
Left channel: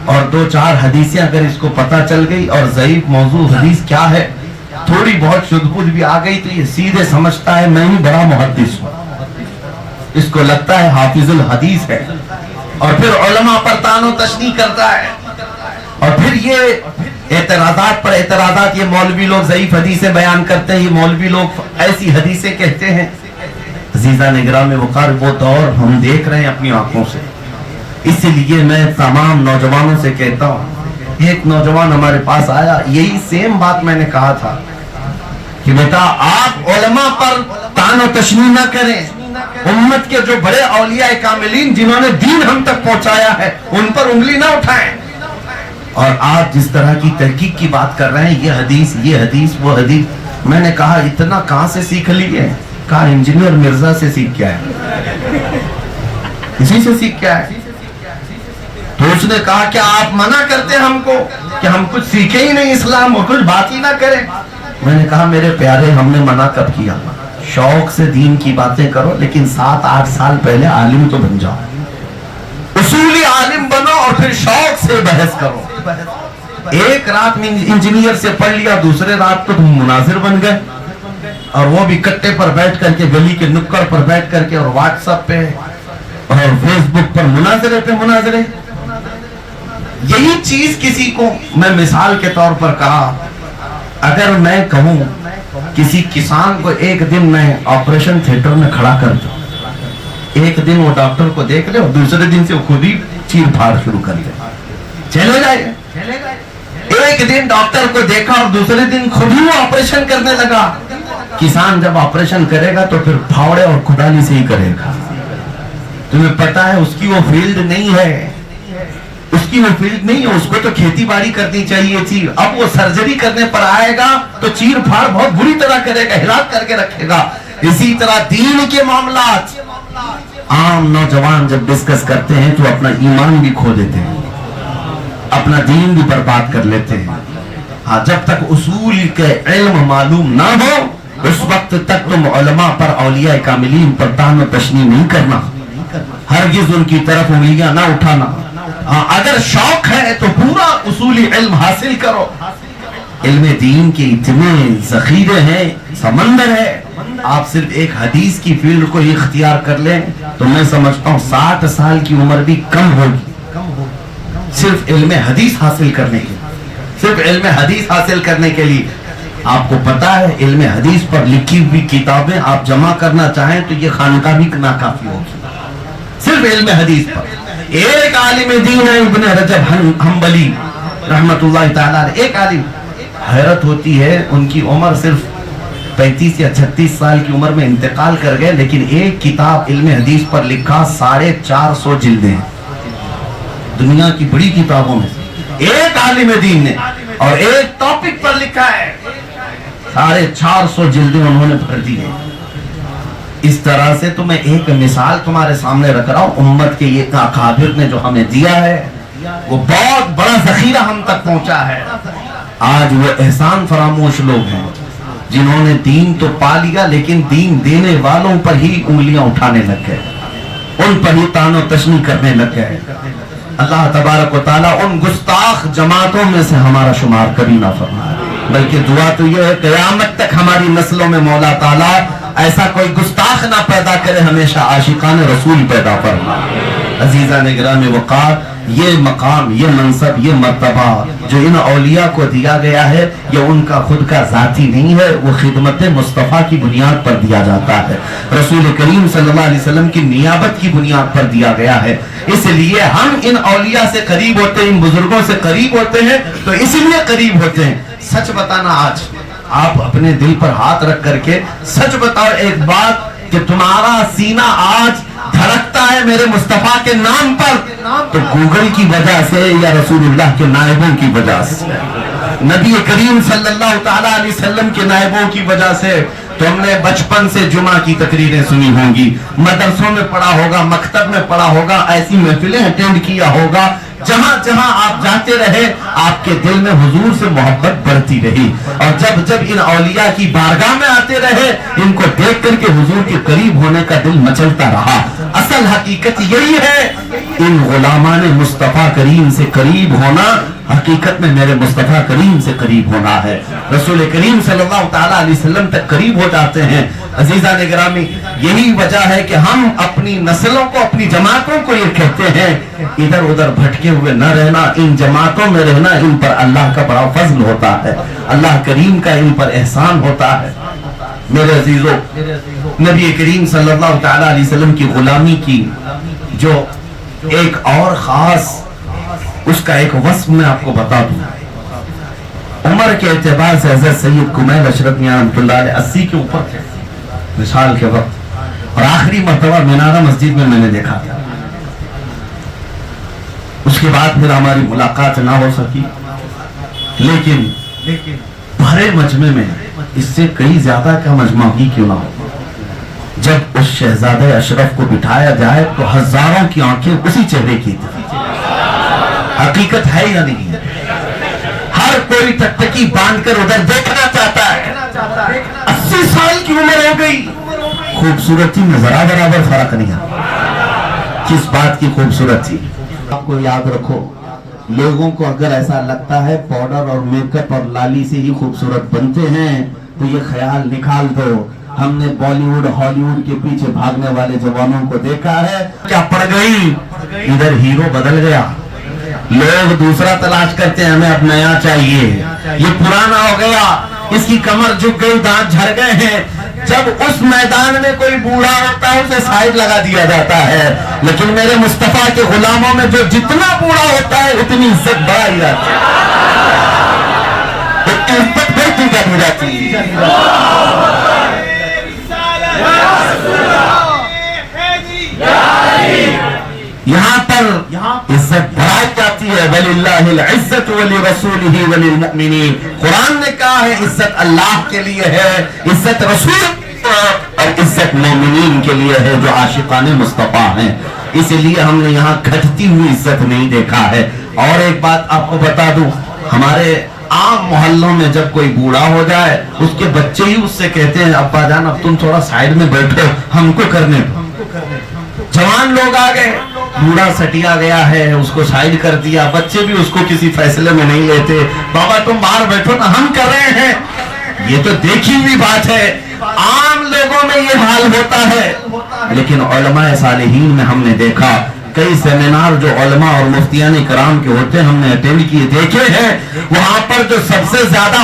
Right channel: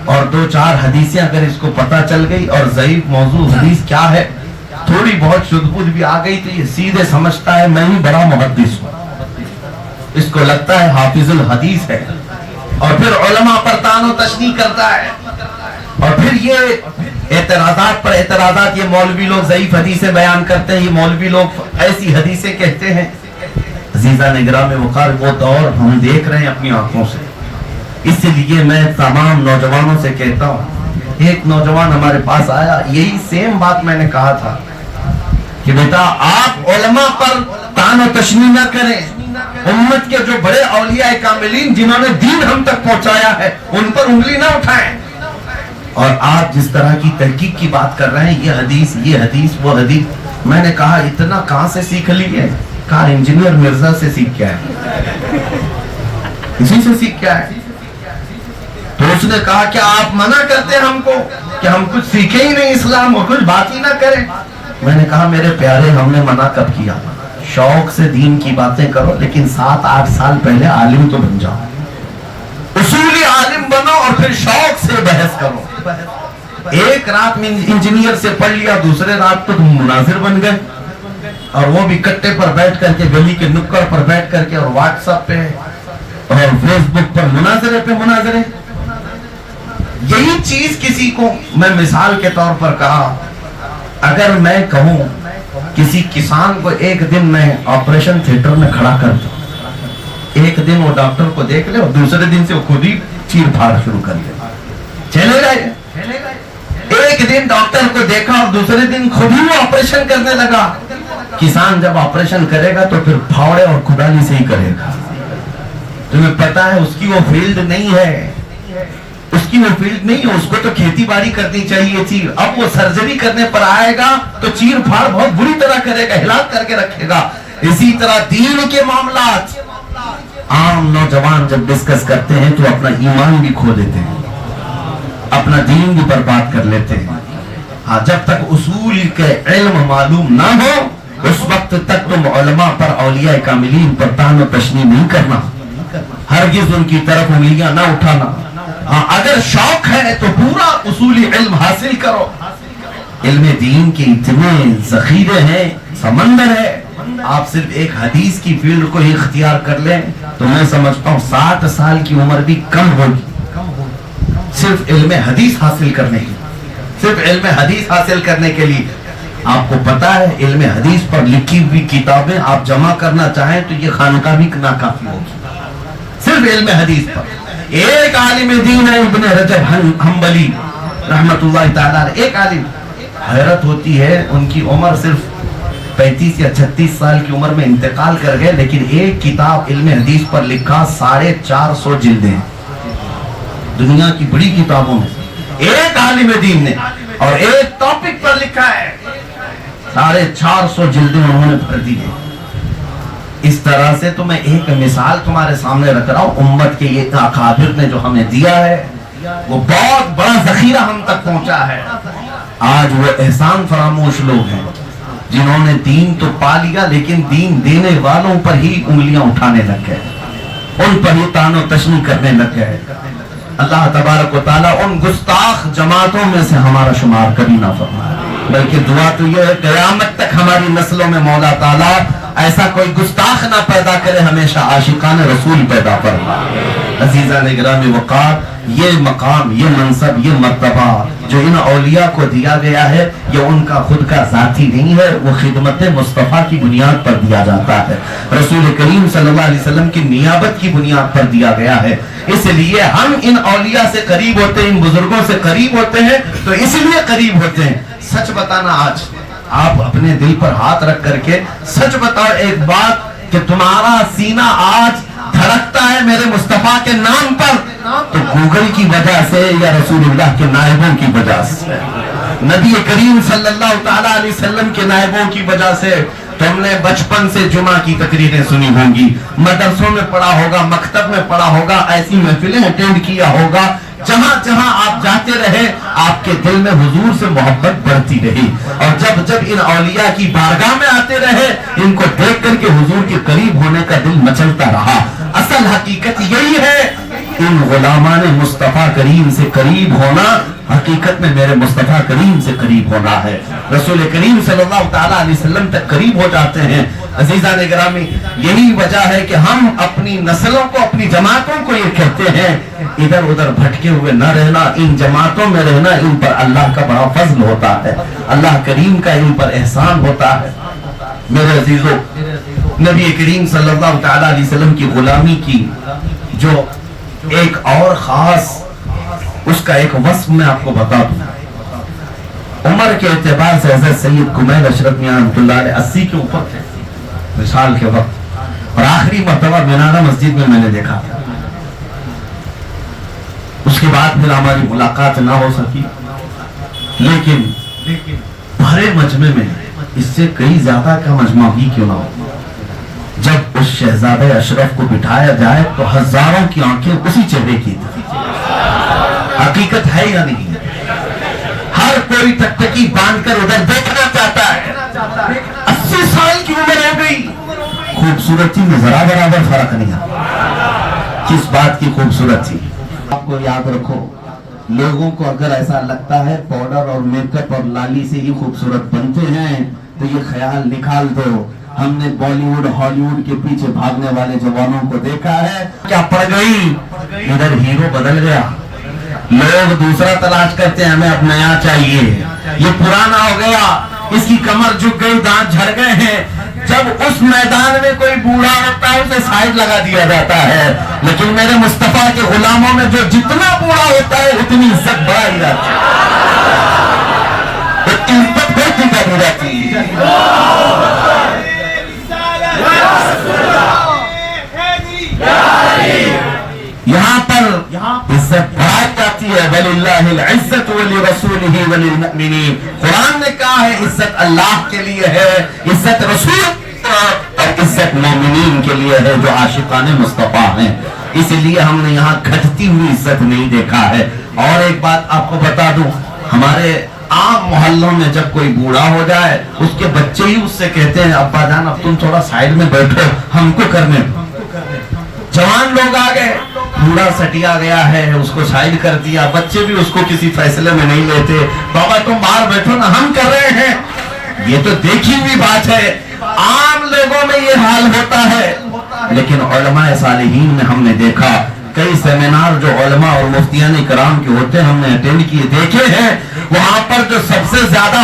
اور 2-4 حدیثیں اگر اس کو پتہ چل گئی اور ضعیف موضوع حدیث کیا ہے تھوڑی بہت شدبود بھی آ گئی تو یہ سیدھے سمجھتا ہے میں ہی بڑا محدث ہوں. اس کو لگتا ہے حافظ الحدیث ہے، اور پھر علماء پر طعن و تشنیع کرتا ہے. اور پھر یہ اعتراضات پر اعتراضات، یہ مولوی لوگ ضعیف حدیثیں بیان کرتے ہیں، یہ مولوی لوگ ایسی حدیثیں کہتے ہیں. عزیزان گرامی وقار، وہ دور ہم دیکھ رہے ہیں اپنی آنکھوں سے. اس لیے میں تمام نوجوانوں سے کہتا ہوں، ایک نوجوان ہمارے پاس آیا، یہی سیم بات میں نے کہا تھا کہ بیٹا آپ علماء پر طعن و تشنیع نہ کریں. امت کے جو بڑے اولیاء کاملین جنہوں نے دین ہم تک پہنچایا ہے ان پر انگلی نہ اٹھائیں. اور آپ جس طرح کی تحقیق کی بات کر رہے ہیں، یہ حدیث وہ حدیث، میں نے کہا اتنا کہاں سے سیکھ لیے؟ کہا انجینئر مرزا سے سیکھ کے آئے، اسی سے سیکھ کے آئے۔ تو اس نے کہا کیا آپ منع کرتے ہیں ہم کو کہ ہم کچھ سیکھیں ہی نہیں اسلام اور کچھ بات ہی نہ کریں؟ میں نے کہا میرے پیارے ہم نے منع کب کیا؟ شوق سے دین کی باتیں کرو، لیکن 7-8 سال پہلے عالم تو بن جاؤ، اصولی عالم بنو اور پھر شوق سے بحث کرو۔ ایک رات میں انجینئر سے پڑھ لیا، دوسرے رات کو تم مناظر بن گئے، اور وہ بھی کٹے پر بیٹھ کر کے، گلی کے نکڑ پر بیٹھ کر کے، اور واٹس ایپ پہ اور فیس بک پر مناظرے پہ مناظرے۔ یہی چیز کسی کو میں مثال کے طور پر کہا، اگر میں کہوں کسی کسان کو ایک دن میں آپریشن تھیٹر میں کھڑا کر دوں، ایک دن وہ ڈاکٹر کو دیکھ لے اور دوسرے دن سے خود ہی چیر پھاڑ شروع کر دے، چلے گئے۔ ایک دن ڈاکٹر کو دیکھا اور دوسرے دن خود ہی وہ آپریشن کرنے لگا۔ کسان جب آپریشن کرے گا تو پھر پھاوڑے اور کھدانی سے ہی کرے گا۔ تمہیں پتا ہے اس کی وہ فیلڈ نہیں ہے، اس کی وہ فیلڈ نہیں ہے، اس کو تو کھیتی باڑی کرنی چاہیے تھی۔ اب وہ سرجری کرنے پر آئے گا تو چیر پھاڑ بہت بری طرح کرے گا، ہلاک کر کے رکھے گا۔ اسی طرح دین کے معاملات عام نوجوان جب ڈسکس کرتے ہیں تو اپنا ایمان بھی کھو دیتے ہیں، اپنا دین بھی برباد کر لیتے ہیں۔ ہاں، جب تک اصول کے علم معلوم نہ ہو اس وقت تک تم علماء پر، اولیاء کاملین پر طعن و تشنیع نہیں کرنا، ہرگز ان کی طرف انگلیاں نہ اٹھانا۔ ہاں، اگر شوق ہے تو پورا اصولی علم حاصل کرو۔ علم دین کے اتنے ذخیرے ہیں، سمندر ہے۔ آپ صرف ایک حدیث کی فیلڈ کو ہی اختیار کر لیں تو میں سمجھتا ہوں 60 سال کی عمر بھی کم ہوگی، صرف علم حدیث حاصل کرنے کے، صرف علم حدیث حاصل کرنے کے لیے۔ آپ کو پتا ہے علم حدیث پر لکھی ہوئی کتابیں آپ جمع کرنا چاہیں تو یہ خانقاہ بھی ناکافی ہوگی، صرف علم حدیث پر۔ ایک عالم دین ہے ابن رجب حنبلی رحمت اللہ تعالیٰ، ایک عالم، حیرت ہوتی ہے ان کی عمر صرف 35 یا 36 سال کی عمر میں انتقال کر گئے، لیکن ایک کتاب علم حدیث پر لکھا 450 جلدیں، دنیا کی بڑی کتابوں میں ایک عالم دین نے، اور ایک ٹاپک پر لکھا ہے 450 جلدیں انہوں نے پڑھ دی ہے۔ اس طرح سے تو میں ایک مثال تمہارے سامنے رکھ رہا ہوں، امت کے یہ اکابر نے جو ہمیں دیا ہے وہ بہت بڑا ذخیرہ ہم تک پہنچا ہے۔ آج وہ احسان فراموش لوگ ہیں جنہوں نے دین تو پا لیا لیکن دین دینے والوں پر ہی انگلیاں اٹھانے لگ گئے، ان پر ہی طعن و تشنیع کرنے لگ گئے۔ اللہ تبارک و تعالیٰ ان گستاخ جماعتوں میں سے ہمارا شمار کبھی نہ فرمائے، بلکہ دعا تو یہ ہے قیامت تک ہماری نسلوں میں مولا تعالیٰ ایسا کوئی گستاخ نہ پیدا کرے، ہمیشہ عاشقان رسول پیدا فرمائے۔ عزیزان گرامی وقار، یہ مقام، یہ منصب، یہ مرتبہ جو ان اولیاء کو دیا گیا ہے یہ ان کا خود کا ذاتی نہیں ہے، وہ خدمت مصطفیٰ کی بنیاد پر دیا جاتا ہے، رسول کریم صلی اللہ علیہ وسلم کی نیابت کی بنیاد پر دیا گیا ہے۔ اس لیے ہم ان اولیاء سے قریب ہوتے ہیں، ان بزرگوں سے قریب ہوتے ہیں تو اس لیے قریب ہوتے ہیں۔ سچ بتانا، آج آپ اپنے دل پر ہاتھ رکھ کر کے سچ بتاؤ ایک بات کہ تمہارا سینہ آج دھڑکتا ہے میرے مصطفیٰ کے نام پر تو گوگل کی وجہ سے یا رسول اللہ کے نائبوں کی وجہ سے، نبی کریم صلی اللہ تعالیٰ علیہ وسلم کے نائبوں کی وجہ سے۔ تم نے بچپن سے جمعہ کی تقریریں سنی ہوں گی، مدرسوں میں پڑھا ہوگا، مکتب میں پڑھا ہوگا، ایسی محفلیں اٹینڈ کیا ہوگا، جہاں جہاں آپ جاتے رہے آپ کے دل میں حضور سے محبت بڑھتی رہی، اور جب جب ان اولیاء کی بارگاہ میں آتے رہے ان کو دیکھ کر کے حضور کے قریب ہونے کا دل مچلتا رہا۔ اصل حقیقت یہی ہے، ان غلامان مصطفیٰ کریم سے قریب ہونا حقیقت میں میرے مصطفیٰ کریم سے قریب ہونا ہے، رسول کریم صلی اللہ تعالیٰ علیہ وسلم تک قریب ہو جاتے ہیں۔ عزیزان گرامی، یہی وجہ ہے کہ ہم اپنی نسلوں کو، اپنی جماعتوں کو یہ کہتے ہیں ادھر ادھر بھٹکے ہوئے نہ رہنا، ان جماعتوں میں رہنا، ان پر اللہ کا بڑا فضل ہوتا ہے، اللہ کریم کا ان پر احسان ہوتا ہے۔ میرے عزیزوں، نبی کریم صلی اللہ تعالیٰ علیہ وسلم کی غلامی کی جو ایک اور خاص اس کا ایک وصف میں آپ کو بتا دوں۔ عمر کے اعتبار سے حضرت سید کمیل اشرف میاں رحمۃ اللہ علیہ 80 کے اوپر تھے مثال کے وقت، اور آخری مرتبہ مینارہ مسجد میں نے دیکھا تھا۔ اس کے بعد پھر ہماری ملاقات نہ ہو سکی، لیکن بھرے مجمع میں اس سے کئی زیادہ کا مجمع ہی کیوں نہ ہو. جب اس شہزادہ اشرف کو بٹھایا جائے تو ہزاروں کی آنکھیں اسی چہرے کی تھی. حقیقت ہے یا نہیں؟ ہر کوئی ٹکٹکی باندھ کر ادھر دیکھنا چاہتا ہے. 80 سال کی عمر ہو گئی, خوبصورتی میں ذرا برابر فرق نہیں ہے. کس بات کی خوبصورتی؟ آپ کو یاد رکھو, لوگوں کو اگر ایسا لگتا ہے پاؤڈر اور میک اپ اور لالی سے ہی خوبصورت بنتے ہیں تو یہ خیال نکال دو. ہم نے بالی ووڈ ہالی ووڈ کے پیچھے بھاگنے والے جوانوں کو دیکھا ہے, کیا پڑ گئی, ادھر ہیرو بدل گیا, لوگ دوسرا تلاش کرتے ہیں, ہمیں اب نیا چاہیے, یہ پرانا ہو گیا, اس کی کمر جھک گئی, دانت جھڑ گئے ہیں. جب اس میدان میں کوئی بوڑھا ہوتا ہے اسے سائیڈ لگا دیا جاتا ہے, لیکن میرے مصطفیٰ کے غلاموں میں جو جتنا بوڑھا ہوتا ہے اتنی عزت بڑھائی جاتی ہے, اتنی عزت بڑھتی جاتی جاتی. یہاں پر عزت بڑھائی جاتی ہے. وَلِلَّهِ الْعِزَّةُ وَلِرَسُولِهِ وَلِلْمُؤْمِنِينَ. قرآن نے کہا ہے عزت اللہ کے لیے ہے, عزت رسول اور عزت مومنین کے لیے ہے جو عاشقان مصطفیٰ ہیں. اس لیے ہم نے یہاں گھٹتی ہوئی عزت نہیں دیکھا ہے. اور ایک بات آپ کو بتا دوں, ہمارے عام محلوں میں جب کوئی بوڑھا ہو جائے اس کے بچے ہی اس سے کہتے ہیں ابا جان اب تم تھوڑا سائیڈ میں بیٹھو, ہم کو کرنے. جوان لوگ آ گئے, بوڑھا سٹیا گیا ہے, اس کو سائیڈ کر دیا, بچے بھی اس کو کسی فیصلے میں نہیں لیتے, بابا تم باہر بیٹھو نا, ہم کر رہے ہیں. یہ تو دیکھی ہوئی بات ہے, عام لوگوں میں یہ حال ہوتا ہے. لیکن علماء صالحین میں ہم نے دیکھا کئی سیمینار جو علماء اور مفتیان کرام کے ہوتے ہیں ہم نے اٹینڈ کیے, دیکھے ہیں, وہاں پر جو سب سے زیادہ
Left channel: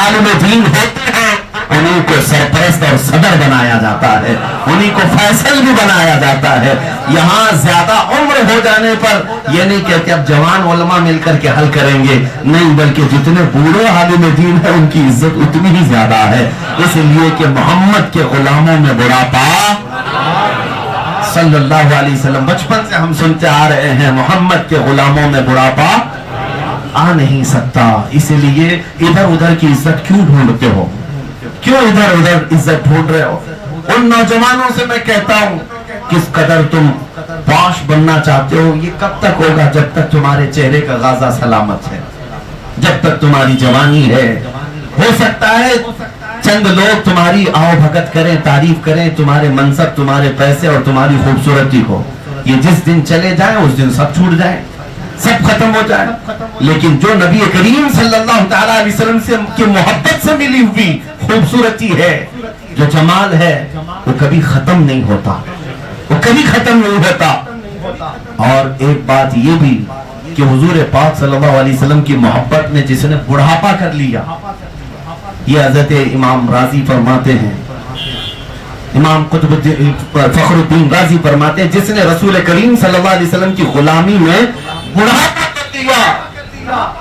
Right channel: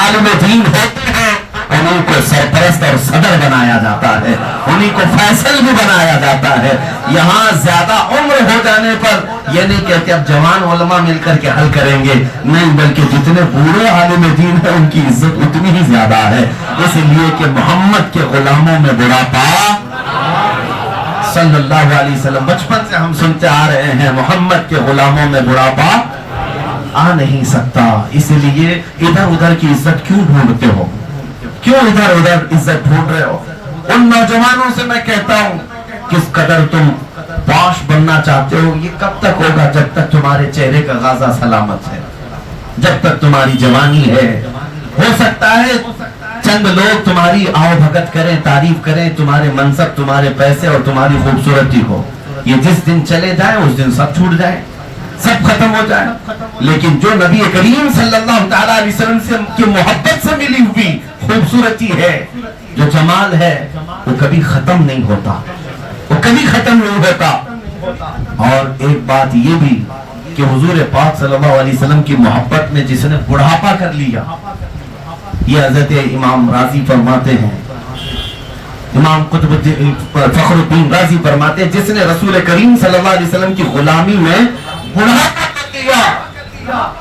عالم دین ہوتے ہیں انہیں کو سرپرست اور صدر بنایا جاتا ہے, انہیں کو فیصل بھی بنایا جاتا ہے. یہاں زیادہ عمر ہو جانے پر یہ نہیں کہتے اب جوان علماء مل کر کے حل کریں گے, نہیں, بلکہ جتنے بوڑھے عالم دین ہیں ان کی عزت اتنی ہی زیادہ ہے. اس لیے کہ محمد کے غلاموں میں بڑھاپا صلی اللہ علیہ وسلم, بچپن سے ہم سنتے آ رہے ہیں محمد کے غلاموں میں بڑھاپا آ نہیں سکتا. اس لیے ادھر ادھر کی عزت کیوں ڈھونڈتے ہو, کیوں ادھر ادھر عزت ڈھونڈ رہے ہو؟ ان نوجوانوں سے میں کہتا ہوں کس قدر تم پاش بننا چاہتے ہو, یہ کب تک ہوگا جب تک تمہارے چہرے کا غازہ سلامت ہے, جب تک تمہاری جوانی ہے. ہو سکتا ہے چند لوگ تمہاری آؤ بھگت کریں, تعریف کریں, تمہارے منصب, تمہارے پیسے اور تمہاری خوبصورتی کو, یہ جس دن چلے جائیں اس دن سب چھوٹ جائے, سب ختم ہو جائے. لیکن جو نبی کریم صلی اللہ تعالی علیہ وسلم سے کی محبت سے ملی ہوئی خوبصورتی ہے, جو جمال ہے, وہ کبھی ختم نہیں ہوتا, وہ کبھی ختم نہیں ہوتا. اور ایک بات یہ بھی کہ حضور پاک صلی اللہ علیہ وسلم کی محبت میں جس نے بڑھاپا کر لیا, یہ حضرت امام رازی فرماتے ہیں, امام قطب فخر الدین رازی فرماتے ہیں جس نے رسول کریم صلی اللہ علیہ وسلم کی غلامی میں بڑھاپا کر لیا,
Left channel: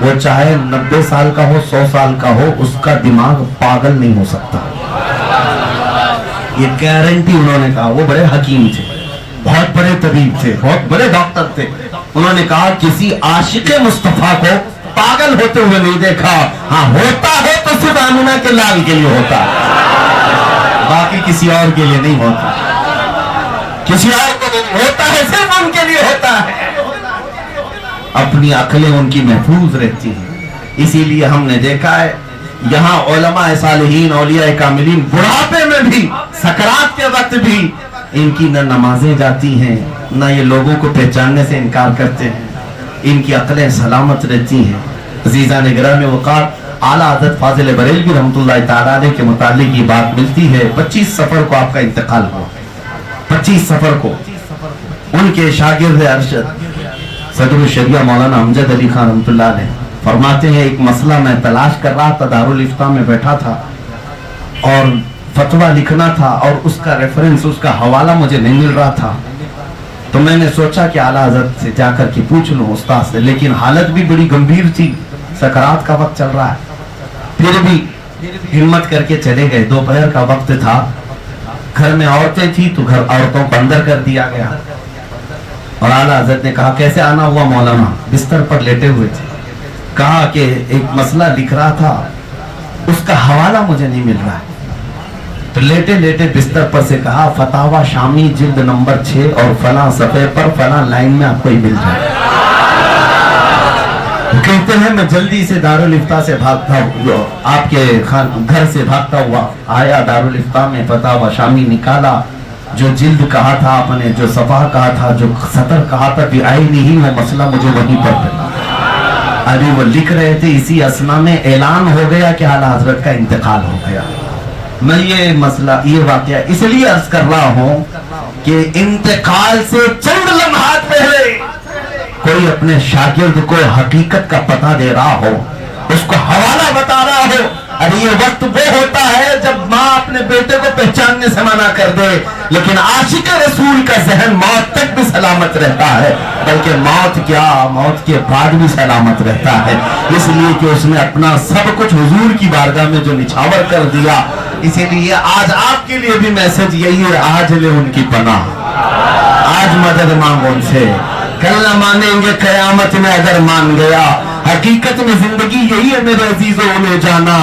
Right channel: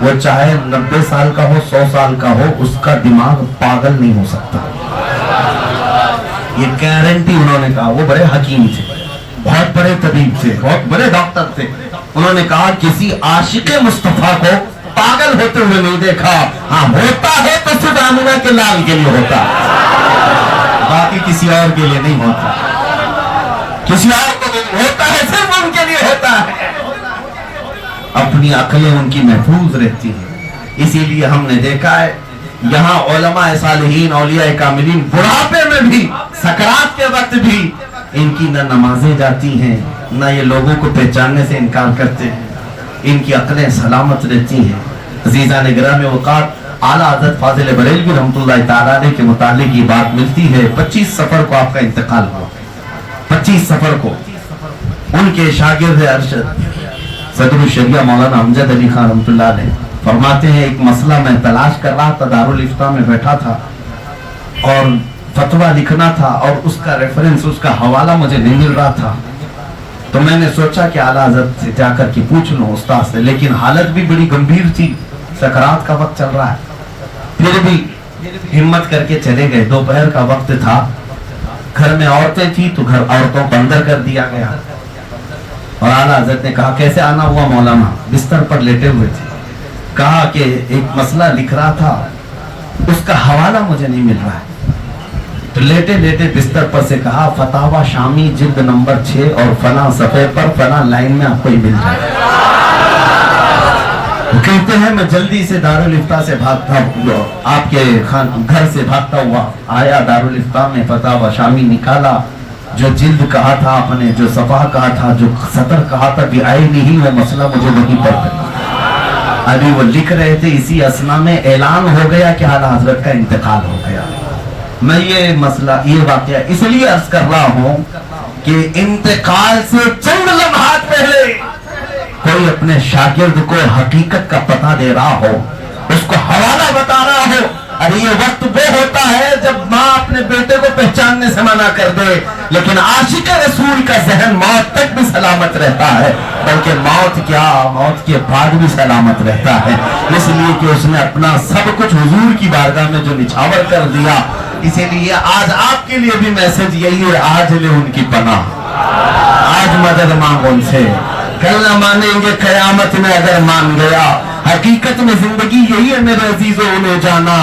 وہ چاہے 90 سال کا ہو, 100 سال کا ہو, اس کا دماغ پاگل نہیں ہو سکتا. یہ گارنٹی انہوں نے کہا. وہ بڑے حکیم تھے, بہت بڑے طبیب تھے, بہت بڑے ڈاکٹر تھے. انہوں نے کہا کسی عاشق مصطفیٰ کو پاگل ہوتے ہوئے نہیں دیکھا, ہاں ہوتا ہے تو صرف آمنہ کے لال کے لیے ہوتا, باقی کسی اور کے لیے نہیں ہوتا, کسی اور کو نہیں ہوتا ہے, صرف ان کے لیے ہوتا ہے. اپنی عقلیں ان کی محفوظ رہتی ہیں. اسی لیے ہم نے دیکھا ہے یہاں علماء صالحین, اولیاء کاملین بڑھاپے میں بھی, سکرات کے وقت بھی ان کی نہ نمازیں جاتی ہیں, نہ یہ لوگوں کو پہچاننے سے انکار کرتے ہیں, ان کی عقلیں سلامت رہتی ہیں. عزیزان گرامی اوقات اعلیٰ حضرت فاضل بریلوی رحمۃ اللہ تعالیٰ علیہ کے متعلق یہ بات ملتی ہے. 25 صفر کو آپ کا انتقال ہوا, 25 صفر کو. ان کے شاگرد ارشد صدر الشریعہ مولانا امجد علی خان رحمۃ اللہ علیہ فرماتے ہیں ایک مسئلہ میں تلاش کر رہا تھا, دارالافتاء میں بیٹھا تھا اور فتویٰ لکھنا تھا, اور اس کا ریفرنس, اس کا حوالہ مجھے نہیں مل رہا تھا. تو میں نے سوچا کہ اعلیٰ حضرت سے جا کر کے پوچھ لوں, استاد سے, لیکن حالت بھی بڑی گمبھیر تھی, سکرات کا وقت چل رہا ہے. پھر بھی ہمت کر کے چلے گئے. دوپہر کا وقت تھا, گھر میں عورتیں تھی تو گھر عورتوں کو اندر کر دیا گیا. اور اعلیٰ حضرت نے کہا کیسے آنا ہوا مولانا؟ بستر پر لیٹے ہوئے تھے. کہا کہ ایک مسئلہ لکھ رہا تھا اس کا حوالہ مجھے نہیں مل رہا ہے. تو لیٹے لیٹے بستر پر سے کہا فتاوا شامی جلد نمبر 6 اور فلاں صفحے پر فلاں لائن میں آپ کو ہی مل جائے. کہتے ہیں میں جلدی سے دارالفتہ سے بھاگتا ہوا آپ کے گھر سے بھاگتا ہوا آیا دارالفتہ میں فتاوا شامی نکالا. جو جلد کہا تھا آپ نے, جو صفحہ کہا تھا, جو سطر کہا تھا بیائی نہیں, وہ مسئلہ مجھے وہیں پر پڑا. ابھی وہ لکھ رہے تھے اسی اسنا میں اعلان ہو گیا کہ اعلیٰ حضرت کا انتقال ہو گیا. میں یہ مسئلہ یہ واقعہ اس لیے عرض کر رہا ہوں کہ انتقال سے چند لمحات پہلے کوئی اپنے شاگرد کو حقیقت کا پتہ دے رہا ہو, اس کو حوالہ بتا رہا ہو. ارے یہ وقت وہ ہوتا ہے جب ماں اپنے بیٹے کو پہچاننے سے منع کر دے, لیکن عاشق رسول کا ذہن موت تک بھی سلامت رہتا ہے, بلکہ موت کیا موت کے بعد بھی سلامت رہتا ہے, اس لیے کہ اس نے اپنا سب کچھ حضور کی بارگاہ میں جو نچھاور کر دیا. اسی لیے آج آپ کے لیے بھی میسج یہی ہے, آج لے ان کی پناہ, آج مدد مانگو ان سے. کل نہ مانیں گے قیامت میں اگر مان گیا. حقیقت میں زندگی یہی ہے میرے عزیزوں, انہیں جانا,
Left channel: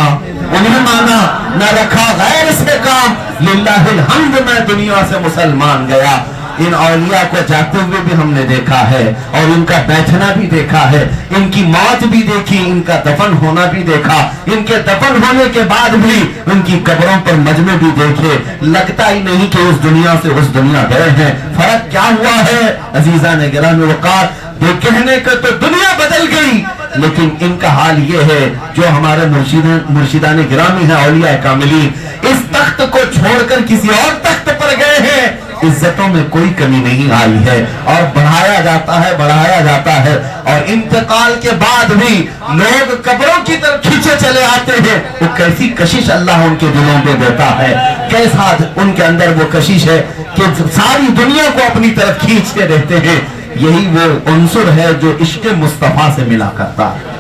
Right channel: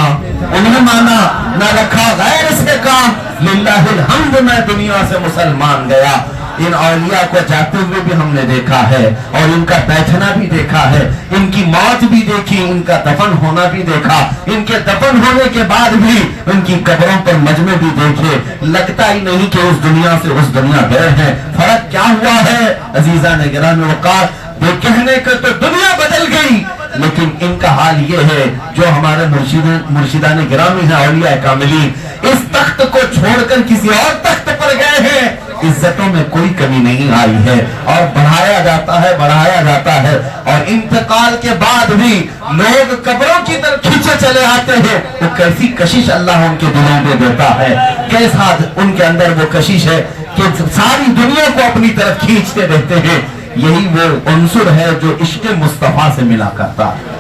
انہیں مانا, نہ رکھا غیر سے کام, للہ الحمد میں دنیا سے مسلمان گیا. ان اولیاء کو جاتے ہوئے بھی ہم نے دیکھا ہے, اور ان کا بیٹھنا بھی دیکھا ہے, ان کی موت بھی دیکھی, ان کا دفن ہونا بھی دیکھا, ان کے دفن ہونے کے بعد بھی ان کی قبروں پر مجمع بھی دیکھے. لگتا ہی نہیں کہ اس دنیا سے اس دنیا گئے ہیں. فرق کیا ہوا ہے عزیزان گرامی وقار, یہ کہنے کو تو دنیا بدل گئی, لیکن ان کا حال یہ ہے جو ہمارے مرشدان گرامی ہیں اولیاء کاملین, اس تخت کو چھوڑ کر کسی اور تخت پر گئے ہیں. عزتوں میں کوئی کمی نہیں آئی ہے, اور بڑھایا جاتا ہے, اور انتقال کے بعد بھی لوگ قبروں کی طرف کھینچے چلے آتے ہیں. وہ کیسی کشش اللہ ان کے دلوں میں دیتا ہے, کیسا ان کے اندر وہ کشش ہے کہ ساری دنیا کو اپنی طرف کھینچتے رہتے ہیں. یہی وہ عنصر ہے جو عشق مصطفیٰ سے ملا کرتا ہے,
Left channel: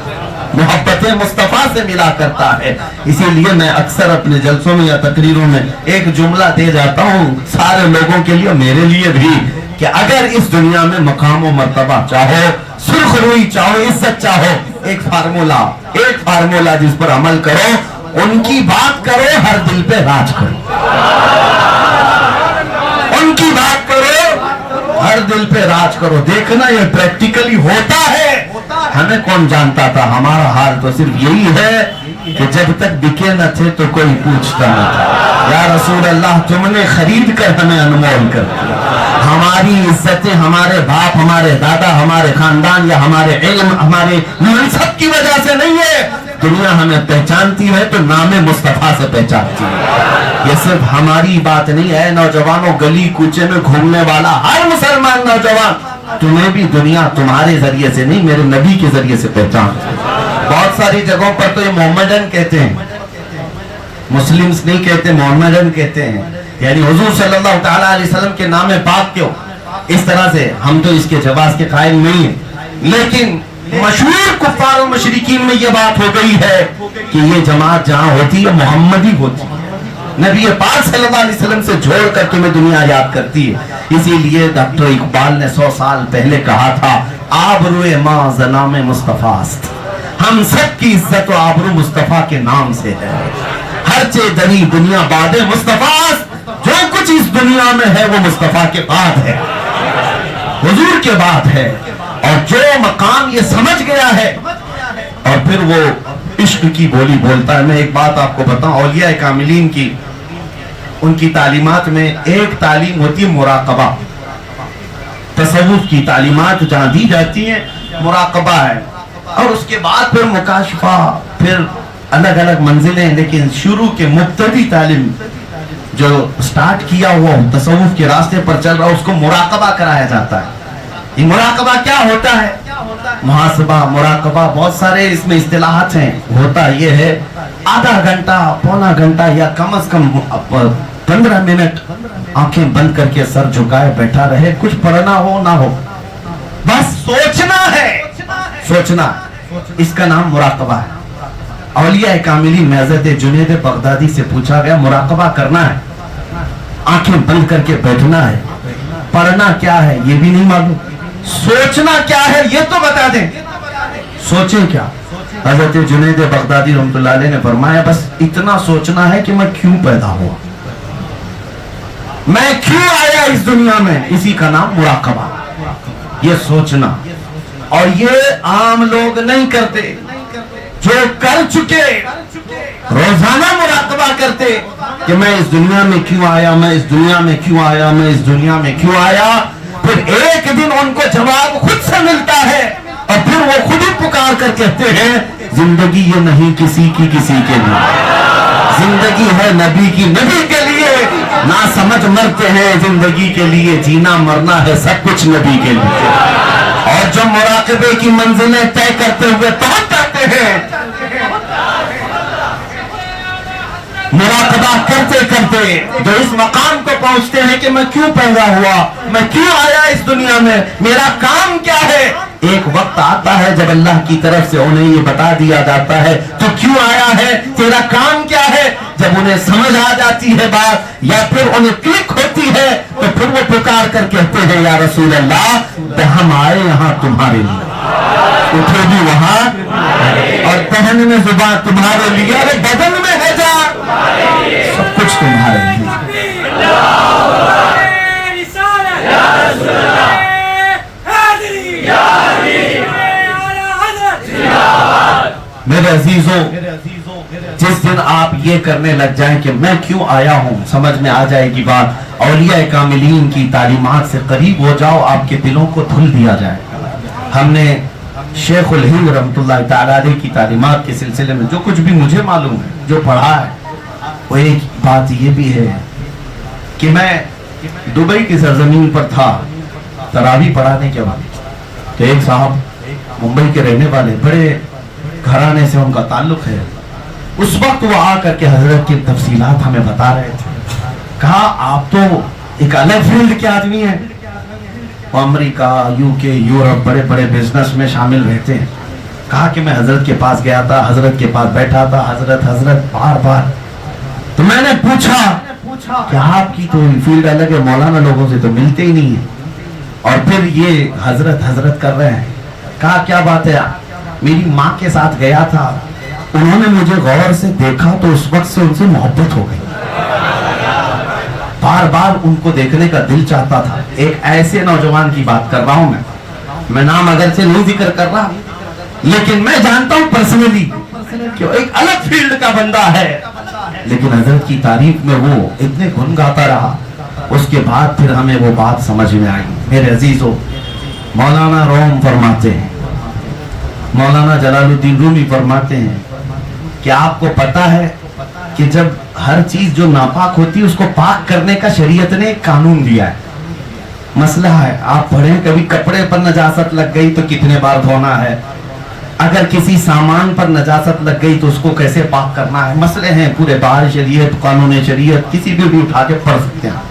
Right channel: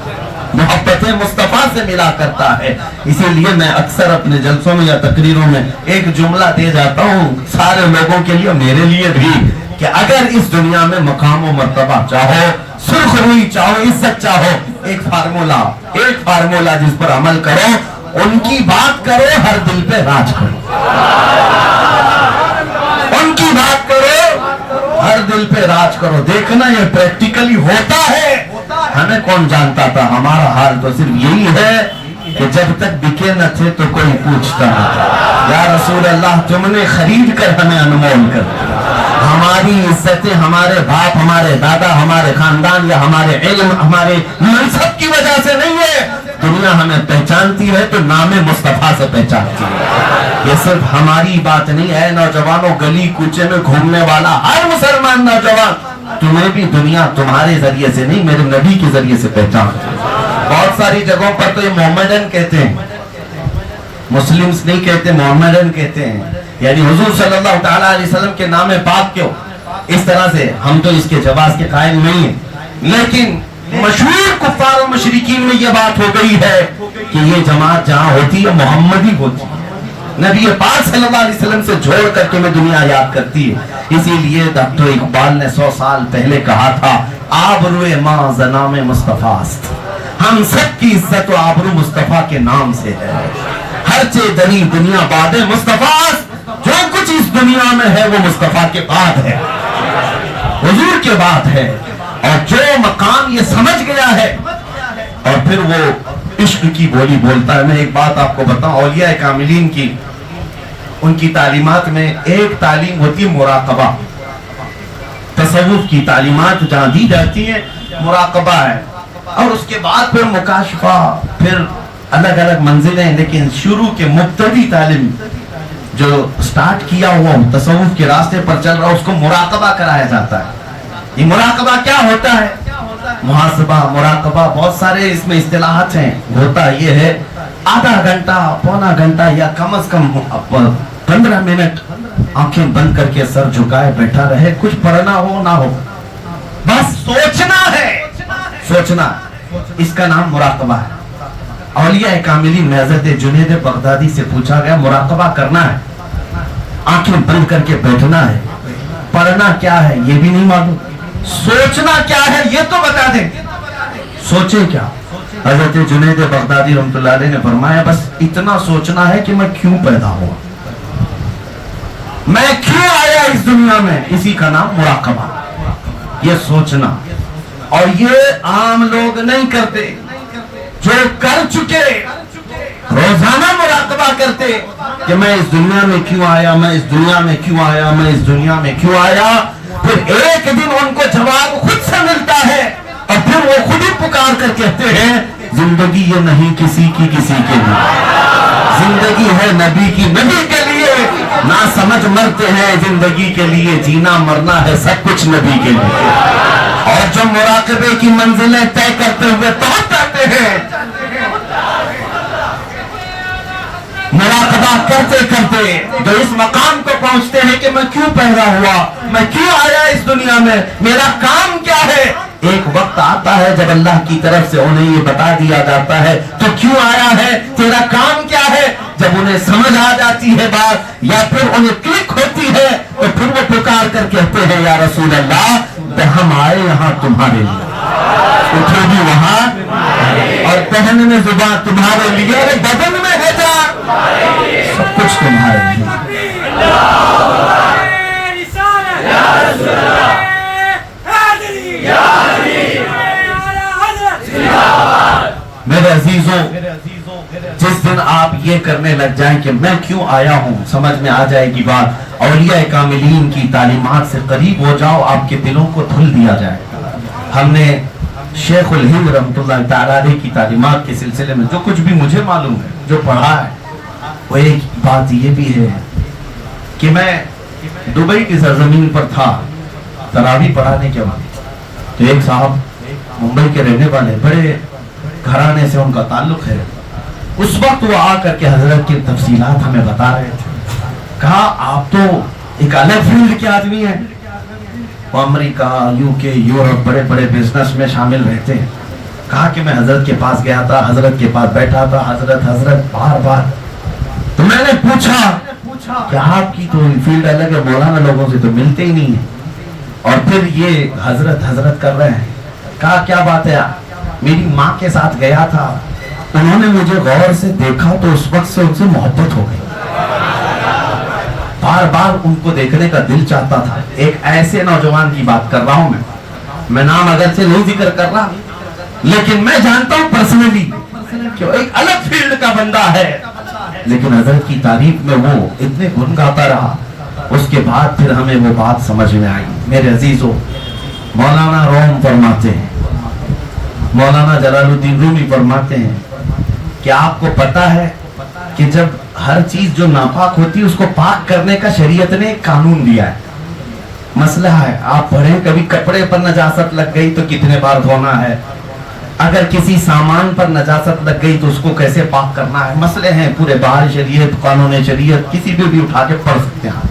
محبت مصطفیٰ سے ملا کرتا ہے. اسی لیے میں اکثر اپنے جلسوں میں یا تقریروں میں ایک جملہ دے جاتا ہوں سارے لوگوں کے لیے, میرے لیے بھی, کہ اگر اس دنیا میں مقام و مرتبہ چاہو, سرخ روئی چاہو, عزت چاہو, ایک فارمولا جس پر عمل کرو, ان کی بات کرو, ہر دل پہ راج کرو. ان کی بات کرو, ہر دل پہ راج کرو. دیکھنا یہ پریکٹیکلی ہوتا ہے. ہمیں کون جانتا تھا, ہمارا حال تو صرف یہی ہے کہ جب تک بکے نہ تھے تو کوئی پوچھتا نہ تھا. یا رسول اللہ تم نے خرید کر ہمیں انمول کر دیا. ہماری عزتیں ہمارے باپ, ہمارے دادا, ہمارے خاندان یا ہمارے علم, ہمارے منصب کی وجہ سے نہیں ہے. دنیا ہمیں پہچانتی ہے تو نام مصطفیٰ سے پہچانتی ہے. یہ صرف ہماری بات نہیں ہے. نوجوانوں, گلی کوچے میں گھومنے والا ہر مسلمان نوجوان, تمہیں بھی دنیا تمہارے ذریعے سے نہیں, میرے نبی کے ذریعے سے پہچانتی ہے. بہت ساری جگہوں پر تو یہ محمدن کہتے ہیں, مسلمز نہیں کہتے, محمدن کہتے ہیں. یعنی حضور صلی اللہ تعالیٰ علیہ وسلم کے نام پاک کیوں اس طرح سے, ہم تو اس کے جواز کے قائل نہیں ہیں, لیکن مشہور کفار و مشرکین میں یہ بات ہو گئی ہے کہ یہ جماعت جہاں ہوتی ہے محمدی ہوتی ہے. نبی پاک صلی اللہ علیہ وسلم سے جوڑ کر تمہیں دنیا یاد کرتی ہے. اسی لیے ڈاکٹر اقبال نے 100 سال پہلے کہا تھا, آبروئے ماں زنام مصطفیٰ است, ہم سب کی عزت و آبرو مصطفیٰ کے نام سے ہے. ہر چے دری دنیا بعد مصطفیٰ, جو کچھ اس دنیا میں ہے وہ مصطفیٰ کے بعد ہے, حضور کے بعد ہے. اور جو مقام یہ سمجھ گیا ہے اور پھر وہ عشق کی بولی بولتا ہے. میں ایک بات آپ کو بتاؤں, اولیاء کاملین کی ان کی تعلیمات میں ایک تعلیم ہوتی ہے مراقبہ. تصوف کی تعلیمات جہاں دی جاتی ہیں مراقبہ ہے, اور اس کے بعد پھر مکاشفہ, پھر الگ الگ منزلیں. لیکن شروع کے مبتدی تعلیم جو سٹارٹ کیا ہوا تصوف کے راستے پر چل رہا, اس کو مراقبہ کرایا جاتا ہے. یہ مراقبہ کیا ہوتا ہے؟ محاسبہ, مراقبہ, بہت سارے اس میں اصطلاحات ہیں. ہوتا یہ ہے آدھا گھنٹہ, پونا گھنٹہ, یا کم از کم 15 منٹ آنکھیں بند کر کے سر جھکائے بیٹھا رہے, کچھ پڑھنا ہو نہ ہو, بس سوچنا ہے. سوچنا, اس کا نام مراقبہ ہے. اولیاء کاملین میں حضرت جنید بغدادی سے پوچھا گیا, مراقبہ کرنا ہے, آنکھیں بند کر کے بیٹھنا ہے, پڑھنا کیا ہے یہ بھی نہیں معلوم, سوچنا کیا ہے یہ تو بتا دیں. سوچیں کیا, حضرت جنید بغدادی رحمۃ اللہ علیہ نے فرمایا بس اتنا سوچنا ہے کہ میں کیوں پیدا ہوا، میں کیوں آیا اس دنیا میں، اسی کا نام مراقبہ، یہ سوچنا۔ اور یہ عام لوگ نہیں کرتے، جو کر چکے روزانہ مراقبہ کرتے کہ میں اس دنیا میں کیوں آیا، میں اس دنیا میں کیوں آیا، میں اس دنیا میں کیوں آیا۔ پھر ایک دن ان کو جواب خود سے ملتا ہے اور پھر وہ خود ہی پکار کر کہتے ہیں زندگی یہ نہیں کسی کی کسی کے لیے، زندگی ہے نبی کی نبی کے لیے، نہ سمجھ مرتے ہیں زندگی کے لیے، جینا مرنا ہے سب کچھ نبی کے لیے۔ اور جب مراقبے کی منزلیں طے کرتے ہوئے پہنچ جاتے ہیں، مراقبہ کرتے کرتے جو اس مقام پہ پہنچتے ہیں کہ میں کیوں پیدا ہوا، میں کیوں آیا اس دنیا میں، میرا کام کیا ہے، ایک وقت آتا ہے جب اللہ کی طرف سے انہیں یہ بتا دیا جاتا ہے تو کیوں آیا ہے، تیرا کام کیا ہے۔ جب انہیں سمجھ آ جاتی ہے بات یا پھر انہیں کلک ہوتی ہے تو پھر وہ پکار کر کہتے ہیں یا رسول اللہ ہم آئے یہاں تمہارے لیے، اٹھے بھی وہاں اور پہننے میں زبان تمہارے لیے اور بدن میں ہے جان سب کچھ تمہارے لیے۔ میرے عزیزوں، جس دن آپ یہ کرنے لگ جائیں کہ میں کیوں آیا ہوں، سمجھ میں آ جائے گی بات، اولیاء کاملین کی تعلیمات سے قریب ہو جاؤ، آپ کے دلوں کو دھل دیا جائے۔ ہم نے شیخ الہند رحمۃ اللہ تعالی علیہ کی تعلیمات کے سلسلے میں جو کچھ بھی مجھے معلوم ہے، جو پڑھا ہے، وہ ایک بات یہ بھی ہے کہ میں دبئی کی سرزمین پر تھا تراویح پڑھانے کے بعد، تو ایک صاحب ممبئی کے رہنے والے، بڑے گھرانے سے ان کا تعلق ہے، اس وقت وہ آ کر کے حضرت کی تفصیلات ہمیں بتا رہے تھے۔ کہا آپ تو ایک الگ فیلڈ کے آدمی ہیں، وہ امریکہ، UK، یورپ بڑے بڑے بزنس میں شامل رہتے ہیں۔ کہا کہ میں حضرت کے پاس گیا تھا، حضرت کے پاس بیٹھا تھا، حضرت بار بار، تو میں نے پوچھا کہ آپ کی تو فیلڈ الگ ہے، مولانا لوگوں سے تو ملتے ہی نہیں ہیں، اور پھر یہ حضرت کر رہے ہیں۔ کہا کیا بات ہے، میری ماں کے ساتھ گیا تھا، انہوں نے مجھے غور سے دیکھا تو اس وقت سے ان سے محبت ہو گئی، بار بار ان کو دیکھنے کا دل چاہتا تھا۔ ایک ایسے نوجوان کی بات کر رہا ہوں میں نام اگرچہ نہیں ذکر کر رہا، لیکن میں جانتا ہوں پرسنلی کہ وہ ایک الگ فیلڈ کا بندہ ہے، لیکن حضرت کی تعریف میں وہ اتنے گن گاتا رہا۔ اس کے بعد پھر ہمیں وہ بات سمجھ میں آئی۔ میرے عزیزوں، مولانا روم فرماتے ہیں، مولانا جلال الدین رومی فرماتے ہیں کہ آپ کو پتا ہے کہ جب ہر چیز جو ناپاک ہوتی ہے اس کو پاک کرنے کا شریعت نے ایک قانون دیا ہے۔ مسئلہ ہے، آپ پڑھیں کبھی کپڑے پر نجاست لگ گئی تو کتنے بار دھونا ہے، اگر کسی سامان پر نجاست لگ گئی تو اس کو کیسے پاک کرنا ہے، مسئلے ہیں پورے بہار شریعت، قانون شریعت، کسی بھی اٹھا کے پڑھ سکتے ہیں۔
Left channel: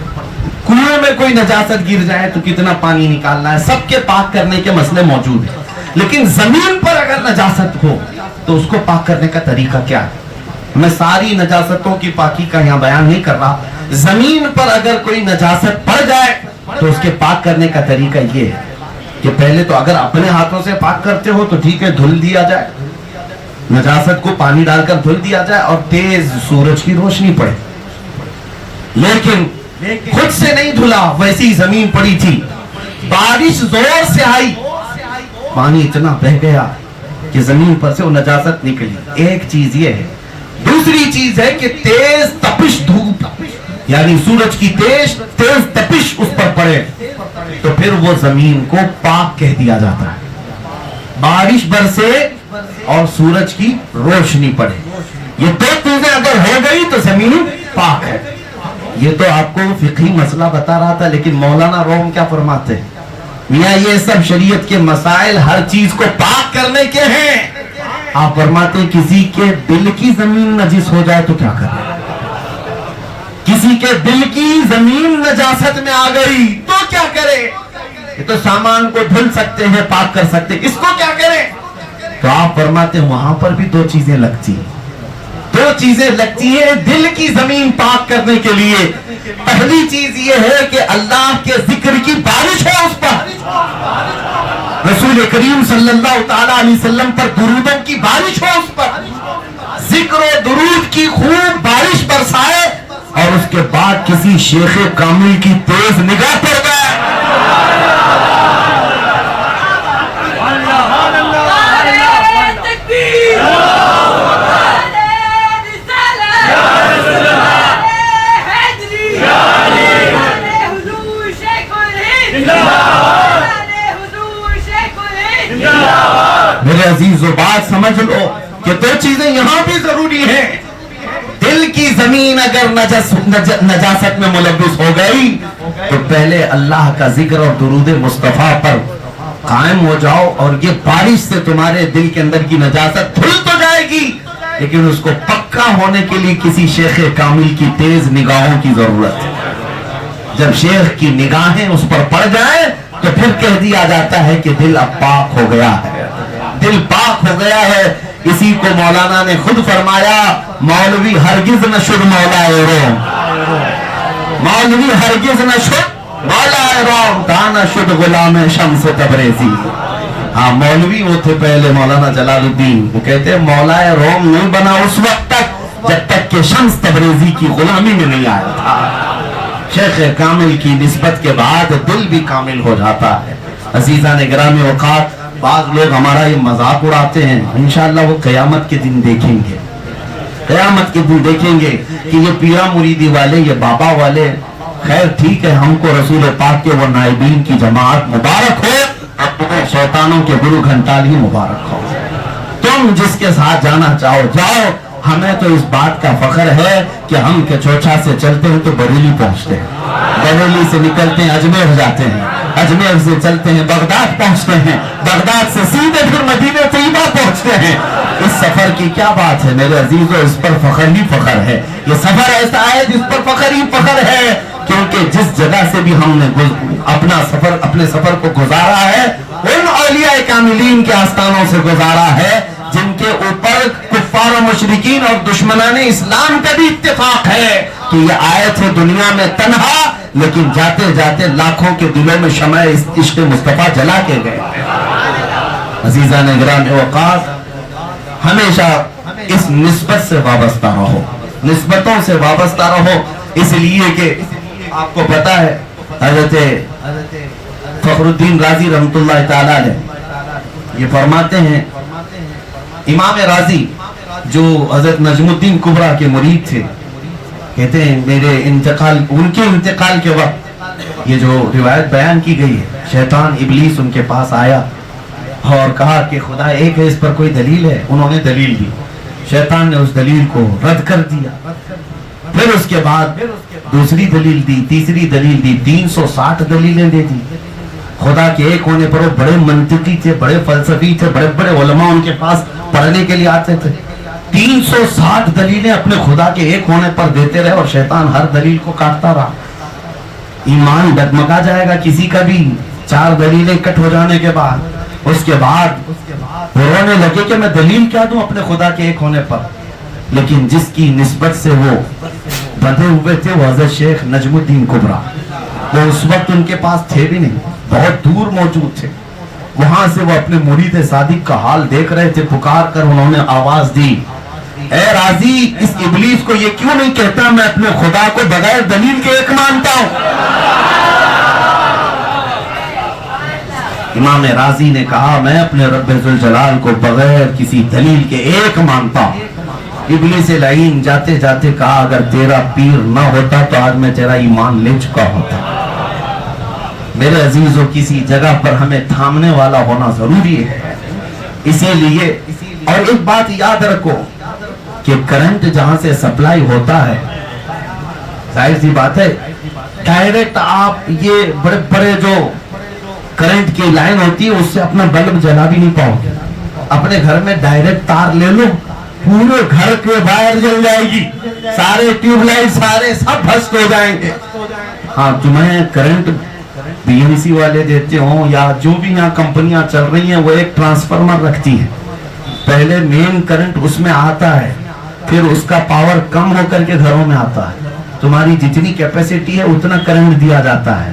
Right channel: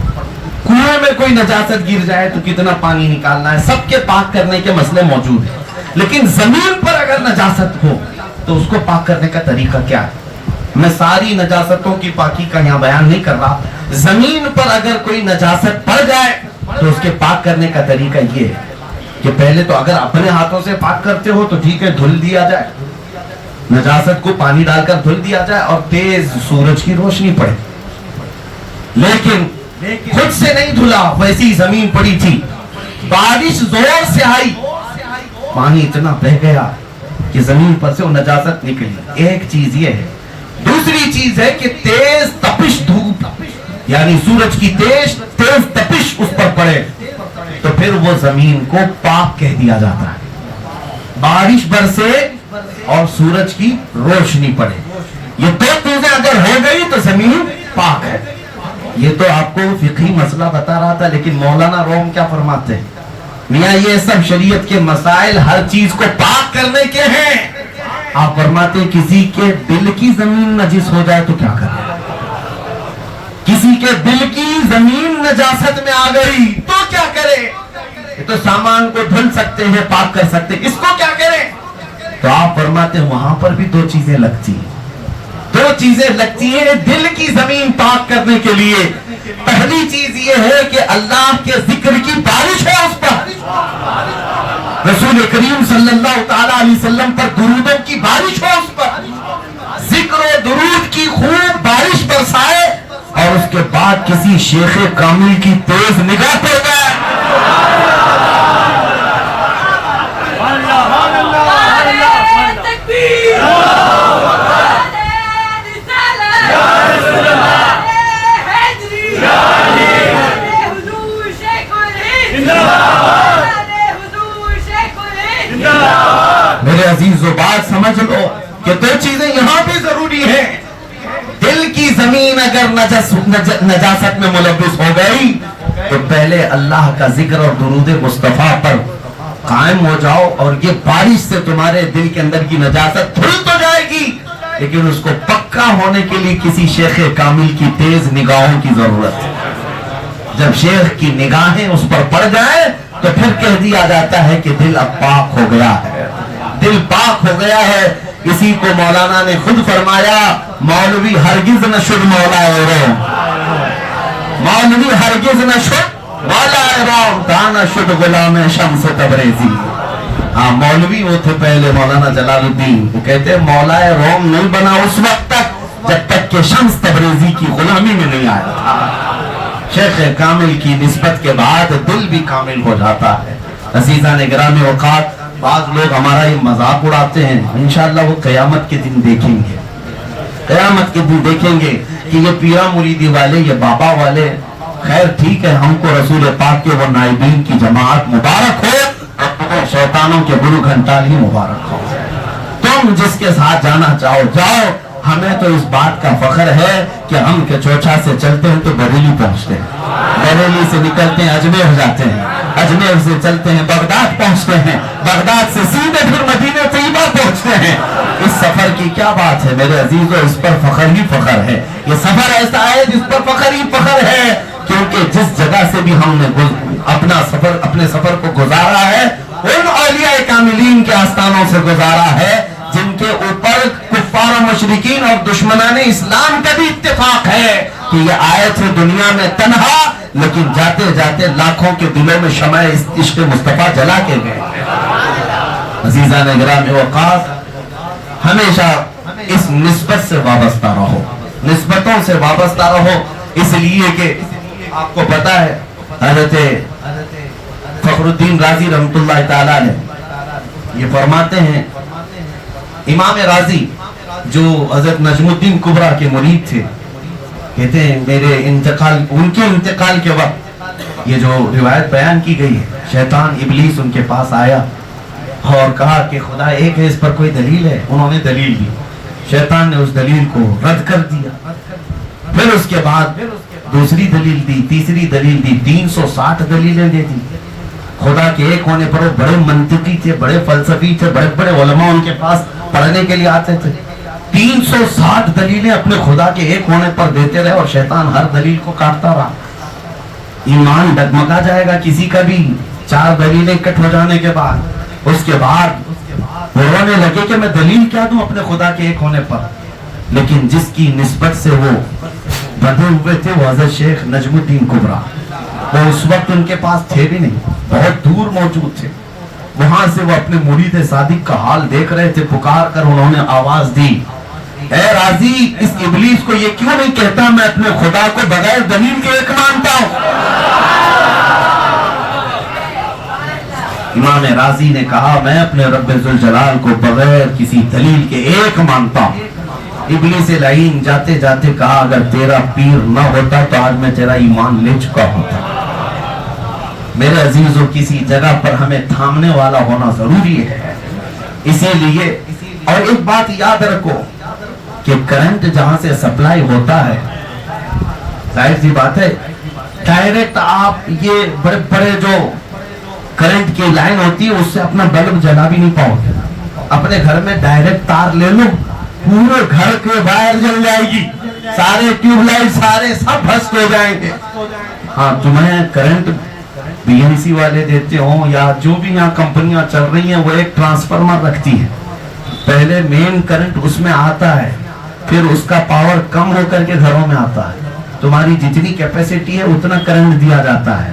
کنویں میں کوئی نجاست گر جائے تو کتنا پانی نکالنا ہے، سب کے پاک کرنے کے مسئلے موجود ہیں، لیکن زمین پر اگر نجاست ہو تو اس کو پاک کرنے کا طریقہ کیا ہے؟ میں ساری نجاستوں کی پاکی کا یہاں بیان نہیں کر رہا، زمین پر اگر کوئی نجاست پڑ جائے تو اس کے پاک کرنے کا طریقہ یہ ہے کہ پہلے تو اگر اپنے ہاتھوں سے پاک کرتے ہو تو ٹھیک ہے، دھل دیا جائے، نجاست کو پانی ڈال کر دھل دیا جائے اور تیز سورج کی روشنی پڑے، لیکن خود سے نہیں دھلا، ویسی زمین پڑی تھی، بارش زور سے آئی، پانی اتنا بہ گیا کہ زمین پر سے وہ نجاست نکلی۔ ایک چیز یہ ہے، دوسری چیز ہے کہ تیز تپش دھوپ، یعنی سورج کی تیز تپش اس پر پڑے تو پھر وہ زمین کو پاک کہہ دیا جاتا ہے۔ بارش برسے اور سورج کی روشنی پڑے، یہ دو چیزیں اگر ہو گئی تو زمین پاک ہے۔ یہ تو آپ کو فقہی مسئلہ بتا رہا تھا، لیکن مولانا روم کیا فرماتے ہیں؟ میاں یہ سب شریعت کے مسائل ہر چیز کو پاک کرنے کے ہیں۔ آپ فرماتے ہیں کسی کے دل کی زمین نجس ہو جائے تو کیا کرے؟ کسی کے دل کی زمین نجاست میں آ گئی تو کیا کرے؟ یہ تو سامان کو دھل سکتے ہیں، پاک کر سکتے ہیں، اس کو کیا کریں؟ تو آپ فرماتے ہیں وہاں پر بھی دو چیزیں لگتی ہیں، دو چیزیں لگتی ہیں دل کی زمین پاک کرنے کے لیے۔ پہلی چیز یہ ہے کہ اللہ کے ذکر کی بارش ہے اس پر، رسول رسول کریم صلی اللہ تعالی علیہ وسلم پر درودوں کی بارش ہو، اس پر ذکر و درود کی خوب بارش برسائے، اور اس کے بعد کسی شیخ کامل کی تیز نگاہ پڑ جائے، میرے عزیز و بات سمجھ لو کہ دو چیزیں یہاں بھی ضروری ہیں۔ دل کی زمین اگر نجاست میں ملوث ہو گئی تو پہلے اللہ کا ذکر اور درود مصطفیٰ پر قائم ہو جاؤ، اور یہ بارش سے تمہارے دل کے اندر کی نجاست دھل تو جائے گی، لیکن اس کو پکا ہونے کے لیے کسی شیخ کامل کی تیز نگاہوں کی ضرورت ہے۔ جب شیخ کی نگاہیں اس پر پڑ جائیں تو پھر کہہ دیا جاتا ہے کہ دل اب پاک ہو گیا ہے، دل پاک ہو گیا ہے۔ اسی کو مولانا نے خود فرمایا، مولوی ہرگز نہ شد مولا روم، مولوی ہرگز نہ شد مولا روم، دانا شد غلام شمس تبریزی۔ ہاں مولوی وہ تھے پہلے مولانا جلال الدین، وہ کہتے ہیں مولا روم نہیں بنا اس وقت تک جب تک کہ شمس تبریزی کی غلامی میں نہیں آیا تھا۔ شیخ کامل کی نسبت کے بعد دل بھی کامل ہو جاتا ہے۔ عزیزان گرامی اوقات، بعض لوگ ہمارا یہ مذاق اڑاتے ہیں، انشاءاللہ وہ قیامت کے دن دیکھیں گے، قیامت کے دن دیکھیں گے کہ یہ پیرا مریدی والے، یہ بابا والے، خیر ٹھیک ہے، ہم کو رسول پاک کے وہ نائبین کی جماعت مبارک ہو، شیطانوں کے گرو گھنٹالی مبارک ہو، تم جس کے ساتھ جانا چاہو جاؤ۔ ہمیں تو اس بات کا فخر ہے کہ ہم کے چوچا سے چلتے ہیں تو بریلی پہنچتے ہیں، بریلی سے نکلتے ہیں اجمیر جاتے ہیں، اجمیر سے چلتے ہیں بغداد پہنچتے ہیں، بغداد سے سیدھے پھر مدینہ طیبہ پہنچتے ہیں۔ اس سفر کی کیا بات ہے میرے عزیزو، اس پر فخر ہی فخر ہے۔ یہ سفر ایسا ہے جس پر فخر ہی فخر ہے، کیونکہ جس جگہ سے بھی ہم نے اپنے سفر کو گزارا ہے، ان اولیاء کاملین کے آستانوں سے گزارا ہے جن کے اوپر کفار و مشرکین اور دشمنان اسلام کا بھی اتفاق ہے کہ یہ آئے تھے دنیا میں تنہا، لیکن جاتے جاتے لاکھوں کے دلوں میں شمع عشق مصطفیٰ جلا کے گئے۔ عزیزان گرامی اوقات، ہمیشہ اس نسبت سے وابستہ رہو، نسبتوں سے وابستہ رہو، اس لیے کہ آپ کو پتا ہے حضرت فخر الدین رازی رحمت اللہ تعالیٰ علیہ یہ فرماتے ہیں، امام رازی جو حضرت نجم الدین کبریٰ کے مرید تھے، کہتے ہیں میرے ان کے انتقال کے وقت یہ جو روایت بیان کی گئی ہے، شیطان ابلیس ان کے پاس آیا اور کہا کہ خدا ایک ہے، اس پر کوئی دلیل ہے؟ انہوں نے دلیل دی، شیطان نے اس دلیل کو رد کر دیا، پھر اس کے بعد دوسری دلیل دی، تیسری دلیل دی، 360 دلیلیں دے دی۔ خدا کے ایک ہونے پر بڑے منطقی تھے، بڑے فلسفی تھے، بڑے بڑے علماء ان کے پاس پڑھنے کے لیے آتے تھے۔ 360 دلیلیں اپنے خدا کے ایک ہونے پر دیتے رہے اور شیطان ہر دلیل کو کاٹتا رہا۔ ایمان ڈگمگا جائے گا کسی کا بھی 4 دلیلیں اکٹھ ہو جانے کے بعد۔ اس کے بعد وہ رونے لگے کہ میں دلیل کیا دوں اپنے خدا کے ایک ہونے پر، لیکن جس کی نسبت سے وہ بندھے ہوئے تھے وہ حضرت شیخ نجم الدین کبریٰ، وہ اس وقت ان کے پاس تھے بھی نہیں، بہت دور موجود تھے۔ وہاں سے وہ اپنے مرید صادق کا حال دیکھ رہے تھے، پکار کر انہوں نے آواز دی، اے راضی، اس ابلیس کو یہ کیوں نہیں کہتا میں اپنے خدا کو بغیر دلیل کے ایک مانتا ہوں؟ امام راضی نے کہا میں اپنے رب ذوالجلال کو بغیر کسی دلیل کے ایک مانتا ہوں۔ ابلیس لعین جاتے جاتے کہا اگر تیرا پیر نہ ہوتا تو آج میں تیرا ایمان لے چکا ہوتا۔ میرے عزیزوں، کسی جگہ پر ہمیں تھامنے والا ہونا ضروری ہے، اسی لیے اور ایک بات یاد رکھو کہ کرنٹ جہاں سے سپلائی ہوتا ہے، ظاہر سی بات ہے ڈائریکٹ آپ یہ بڑے بڑے جو کرنٹ کی لائن ہوتی ہے اس سے اپنا بلب جلا بھی نہیں پاؤ گے۔ اپنے گھر میں ڈائریکٹ تار لے لو، پورے گھر کے باہر جل جائے گی، سارے ٹیوب لائٹ سارے سب بھسک ہو جائیں گے۔ ہاں تمہیں کرنٹ بی ایم سی والے دیتے ہوں یا جو بھی یہاں کمپنیاں چل رہی ہیں وہ ایک ٹرانسفارمر رکھتی ہیں، پہلے مین کرنٹ اس میں آتا ہے، پھر اس کا پاور کم ہو کر کے گھروں میں آتا ہے، تمہاری جتنی کیپیسٹی ہے اتنا کرنٹ دیا جاتا ہے،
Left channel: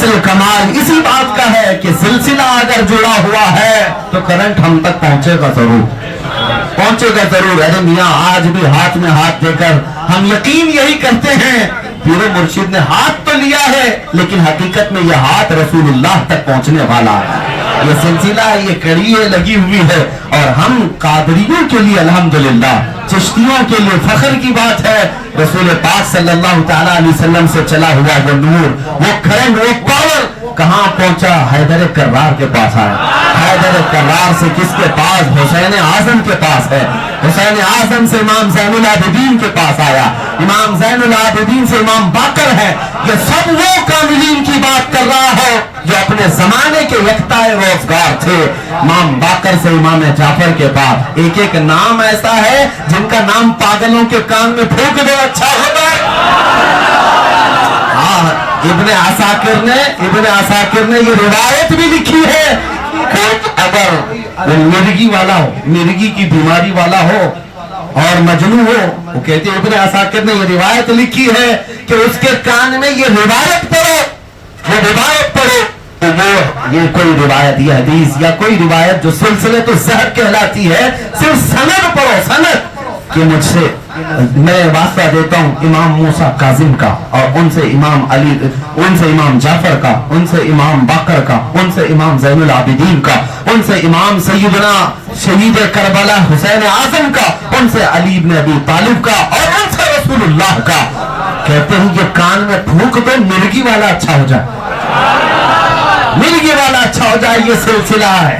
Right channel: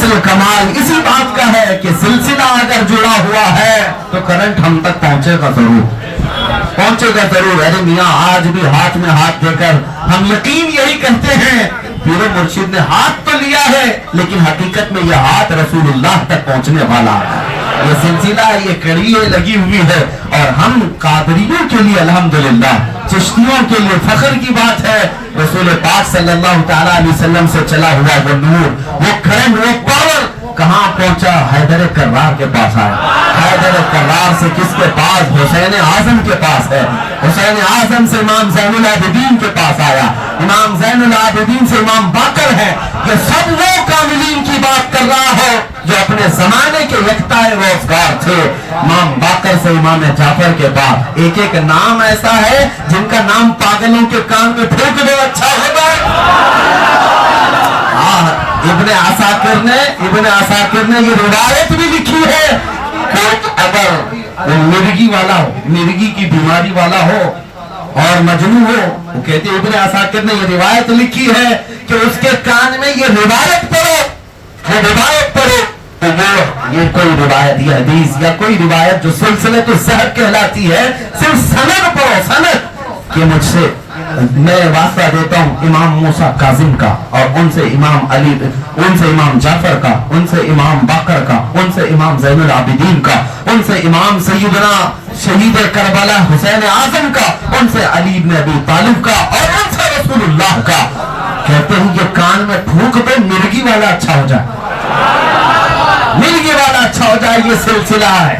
اصل کمال اسی بات کا ہے کہ سلسلہ اگر جڑا ہوا ہے تو کرنٹ ہم تک پہنچے گا ضرور. ارے میاں آج بھی ہاتھ میں ہاتھ دے کر ہم یقین یہی کرتے ہیں پیر مرشد نے ہاتھ تو لیا ہے لیکن حقیقت میں یہ ہاتھ رسول اللہ تک پہنچنے والا ہے. یہ سلسلہ یہ کڑی لگی ہوئی ہے اور ہم قادریوں کے لیے الحمدللہ چشتیوں کے لیے فخر کی بات ہے رسول پاک صلی اللہ تعالی علیہ وسلم سے چلا ہوا وہ نور وہ کرنٹ وہ پاور کہاں پہنچا؟ حیدر کرار کے پاس آیا. حیدر کرار سے کس کے پاس؟ حسین اعظم کے پاس ہے. حسین اعظم سے امام زین العابدین کے پاس آیا. امام زین العابدین سے امام باقر ہے. یہ سب وہ کاملین کی بات کر رہا ہے جو اپنے زمانے کے یکتا روزگار تھے. امام باقر سے امام جعفر کے پاس ایک ایک نام ایسا ہے جن کا نام پاگلوں کے کان میں پھونک دو اچھا ہوگا. ابن عساکر نے یہ روایت بھی لکھی ہے کہ اگر مرگی والا ہو مرگی کی بیماری والا ہو اور مجنون ہو وہ کہتے ابن عساکر نے یہ روایت لکھی ہے کہ اس کے کان میں یہ روایت پڑھو تو یہ کوئی روایت یا حدیث یا کوئی روایت جو سلسلے تو زہر کہلاتی ہے صرف سند پڑھو سند کہ مجھ سے میں واسطہ دیتا ہوں امام موسیٰ کاظم کا اور ان سے امام علی ان سے امام جعفر کا ان سے امام باقر کا ان سے امام زین العابدین کا ان سے امام سیدنا شہید کربلا حسین اعظم کا ان سے علی بن ابی طالب کا اور ان سے رسول اللہ کا. کہتے ہیں کہ کان میں پھونک دو مرگی والا اچھا ہو جائے یہ سلسلہ ہے.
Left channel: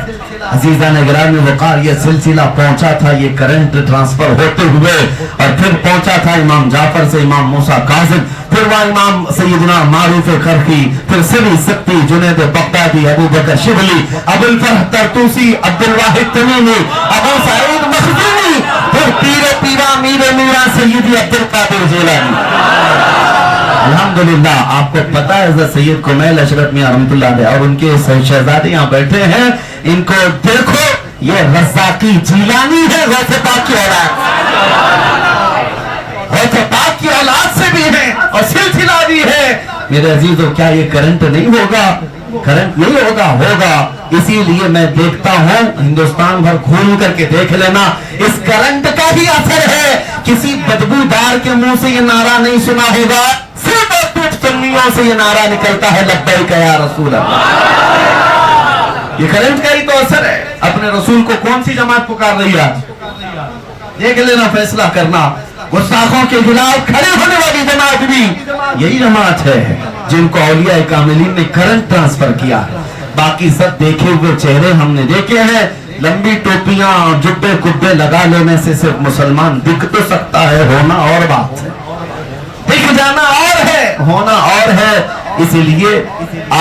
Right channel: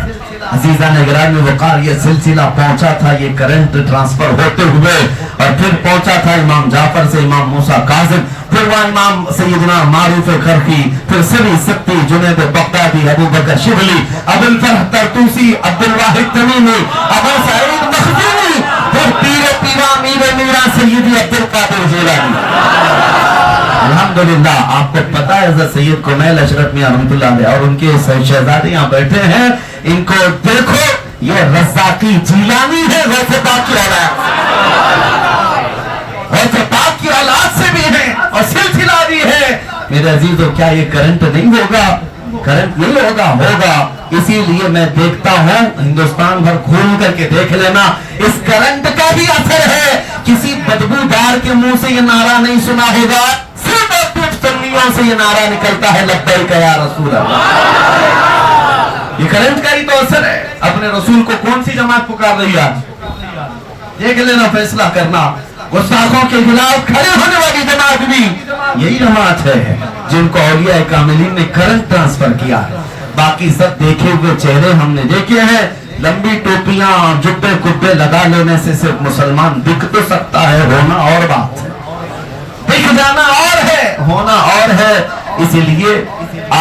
عزیزان گرامی وقار یہ سلسلہ پہنچا تھا یہ کرنٹ ٹرانسفر ہوتے ہوئے اور پھر پہنچا تھا امام جعفر سے امام موسیٰ کاظم پھر وہ امام سیدنا معروف کرخی پھر سری سبتی جنید بغدادی ابو بکر شبلی ابو الفرح ترتوسی عبد الواحد تمیمی ابو سعید مخدومی پھر پیرا میرا سیدی عبد القادر جیلانی. الحمدللہ آپ کو پتا ہے حضرت سید کمیل اشرف میاں رحمت اللہ علیہ اور ان کے شہزادے یہاں بیٹھے ہیں ان کو دیکھو یہ رزاقی جیلانی ہے غوث پاک کی اولاد سے بھی ہے اور سلسلہ بھی ہے. میرے عزیزو کیا یہ کرنٹ نہیں ہوگا؟ کرنٹ نہیں ہوگا. اسی لیے میں دیکھتا ہوں ہندوستان بھر گھوم کر کے دیکھ لینا اس کرنٹ کا بھی اثر ہے. کسی بدبودار کے منہ سے یہ نعرہ نہیں سنا ہوگا صرف سنیوں سے یہ نعرہ نکلتا ہے لبیک یا رسول اللہ. یہ کرنٹ کا ہی تو اثر ہے. اپنے رسول کو کون سی جماعت پکار رہی ہے آج؟ دیکھ لینا فیصلہ کرنا. گستاخوں کے خلاف کھڑے ہونے والی جماعت بھی یہی جماعت ہے جن کو اولیاء کاملین نے کرنٹ ٹرانسفر کیا ہے. باقی سب دیکھے ہوئے چہرے ہم نے دیکھے ہیں. لمبی ٹوپیاں جبے کبے لگا لینے سے صرف مسلمان دکھ تو سکتا ہے ہونا اور بات ہے. دکھ جانا اور ہے ہونا اور ہے. اسی لیے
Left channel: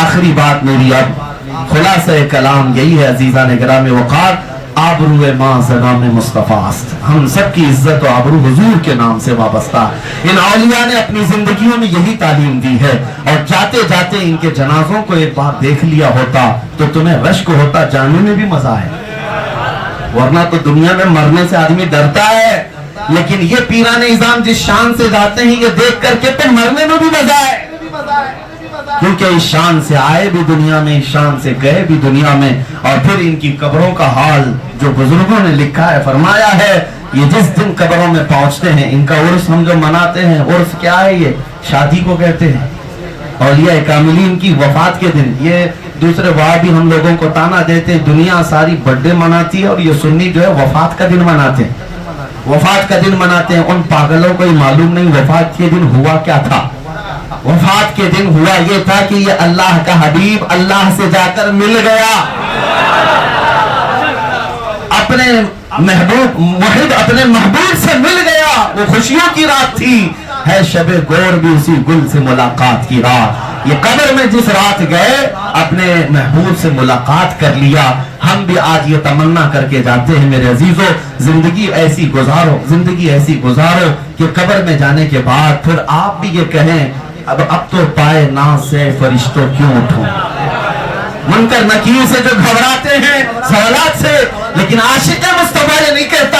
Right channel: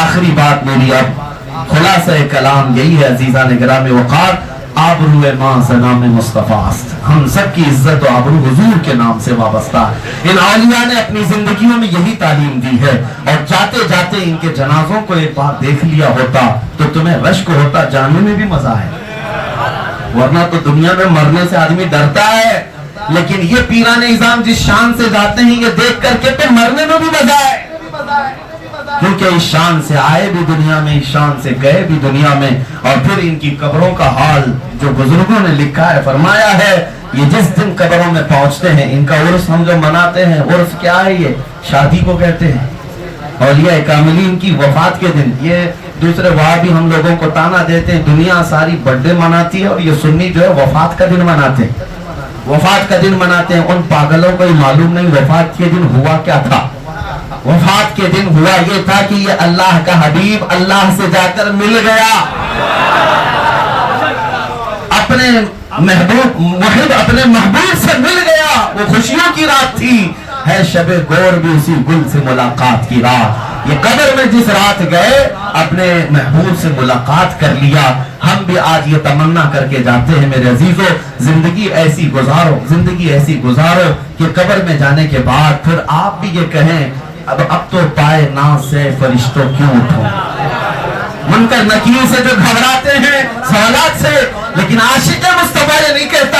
آخری بات میری اب خلاصہ کلام یہی ہے عزیزان گرامی وقار آبرو ماں نام مصطفیٰ است. ہم سب کی عزت و آبرو حضور کے نام سے وابستہ ہے. ان اولیاء نے اپنی زندگیوں میں یہی تعلیم دی ہے اور جاتے جاتے ان کے جنازوں کو ایک بار دیکھ لیا ہوتا تو تمہیں رشک ہوتا جانے میں بھی مزہ ہے. ورنہ تو دنیا میں مرنے سے آدمی ڈرتا ہے لیکن یہ پیران نظام جس شان سے جاتے ہیں یہ دیکھ کر کے پھر مرنے میں بھی مزہ ہے کیونکہ اس شان سے آئے بھی دنیا میں اس شان سے گئے بھی دنیا میں. اور پھر ان کی قبروں کا حال جو بزرگوں نے لکھا ہے فرمایا ہے یہ جس دن قبروں میں پہنچتے ہیں ان کا عرس ہم جو مناتے ہیں عرس کیا ہے یہ شادی کو کہتے ہیں. اولیاء کاملین کی وفات کے دن یہ دوسرے وہابی ہم لوگوں کو تانا دیتے ہیں دنیا ساری برتھڈے مناتی ہے اور یہ سنی جو ہے وفات کا دن مناتے ہیں. وفات کا دن مناتے ہیں. ان پاگلوں کو معلوم نہیں وفات کے دن ہوا کیا تھا. وفات کے دن ہوا یہ تھا کہ یہ اللہ کا حبیب اللہ سے جا کر مل گیا اپنے محبوب سے مل گیا. وہ خوشیوں کی رات تھی ہے شب گور بھی اسی گل سے ملاقات کی رات. یہ قبر میں جس رات گئے اپنے محبوب سے ملاقات کر لیا. ہم بھی آج یہ تمنا کر کے جاتے ہیں میرے عزیزو زندگی ایسی گزارو کہ قبر میں جانے کے بعد پھر آپ بھی یہ کہیں اب تو پائے ناز سے فرشتوں کیوں اٹھوں. منکر نکیر سے جو گھبراتے ہیں سوالات سے لیکن عاشق مصطفیٰ یہ نہیں کہتا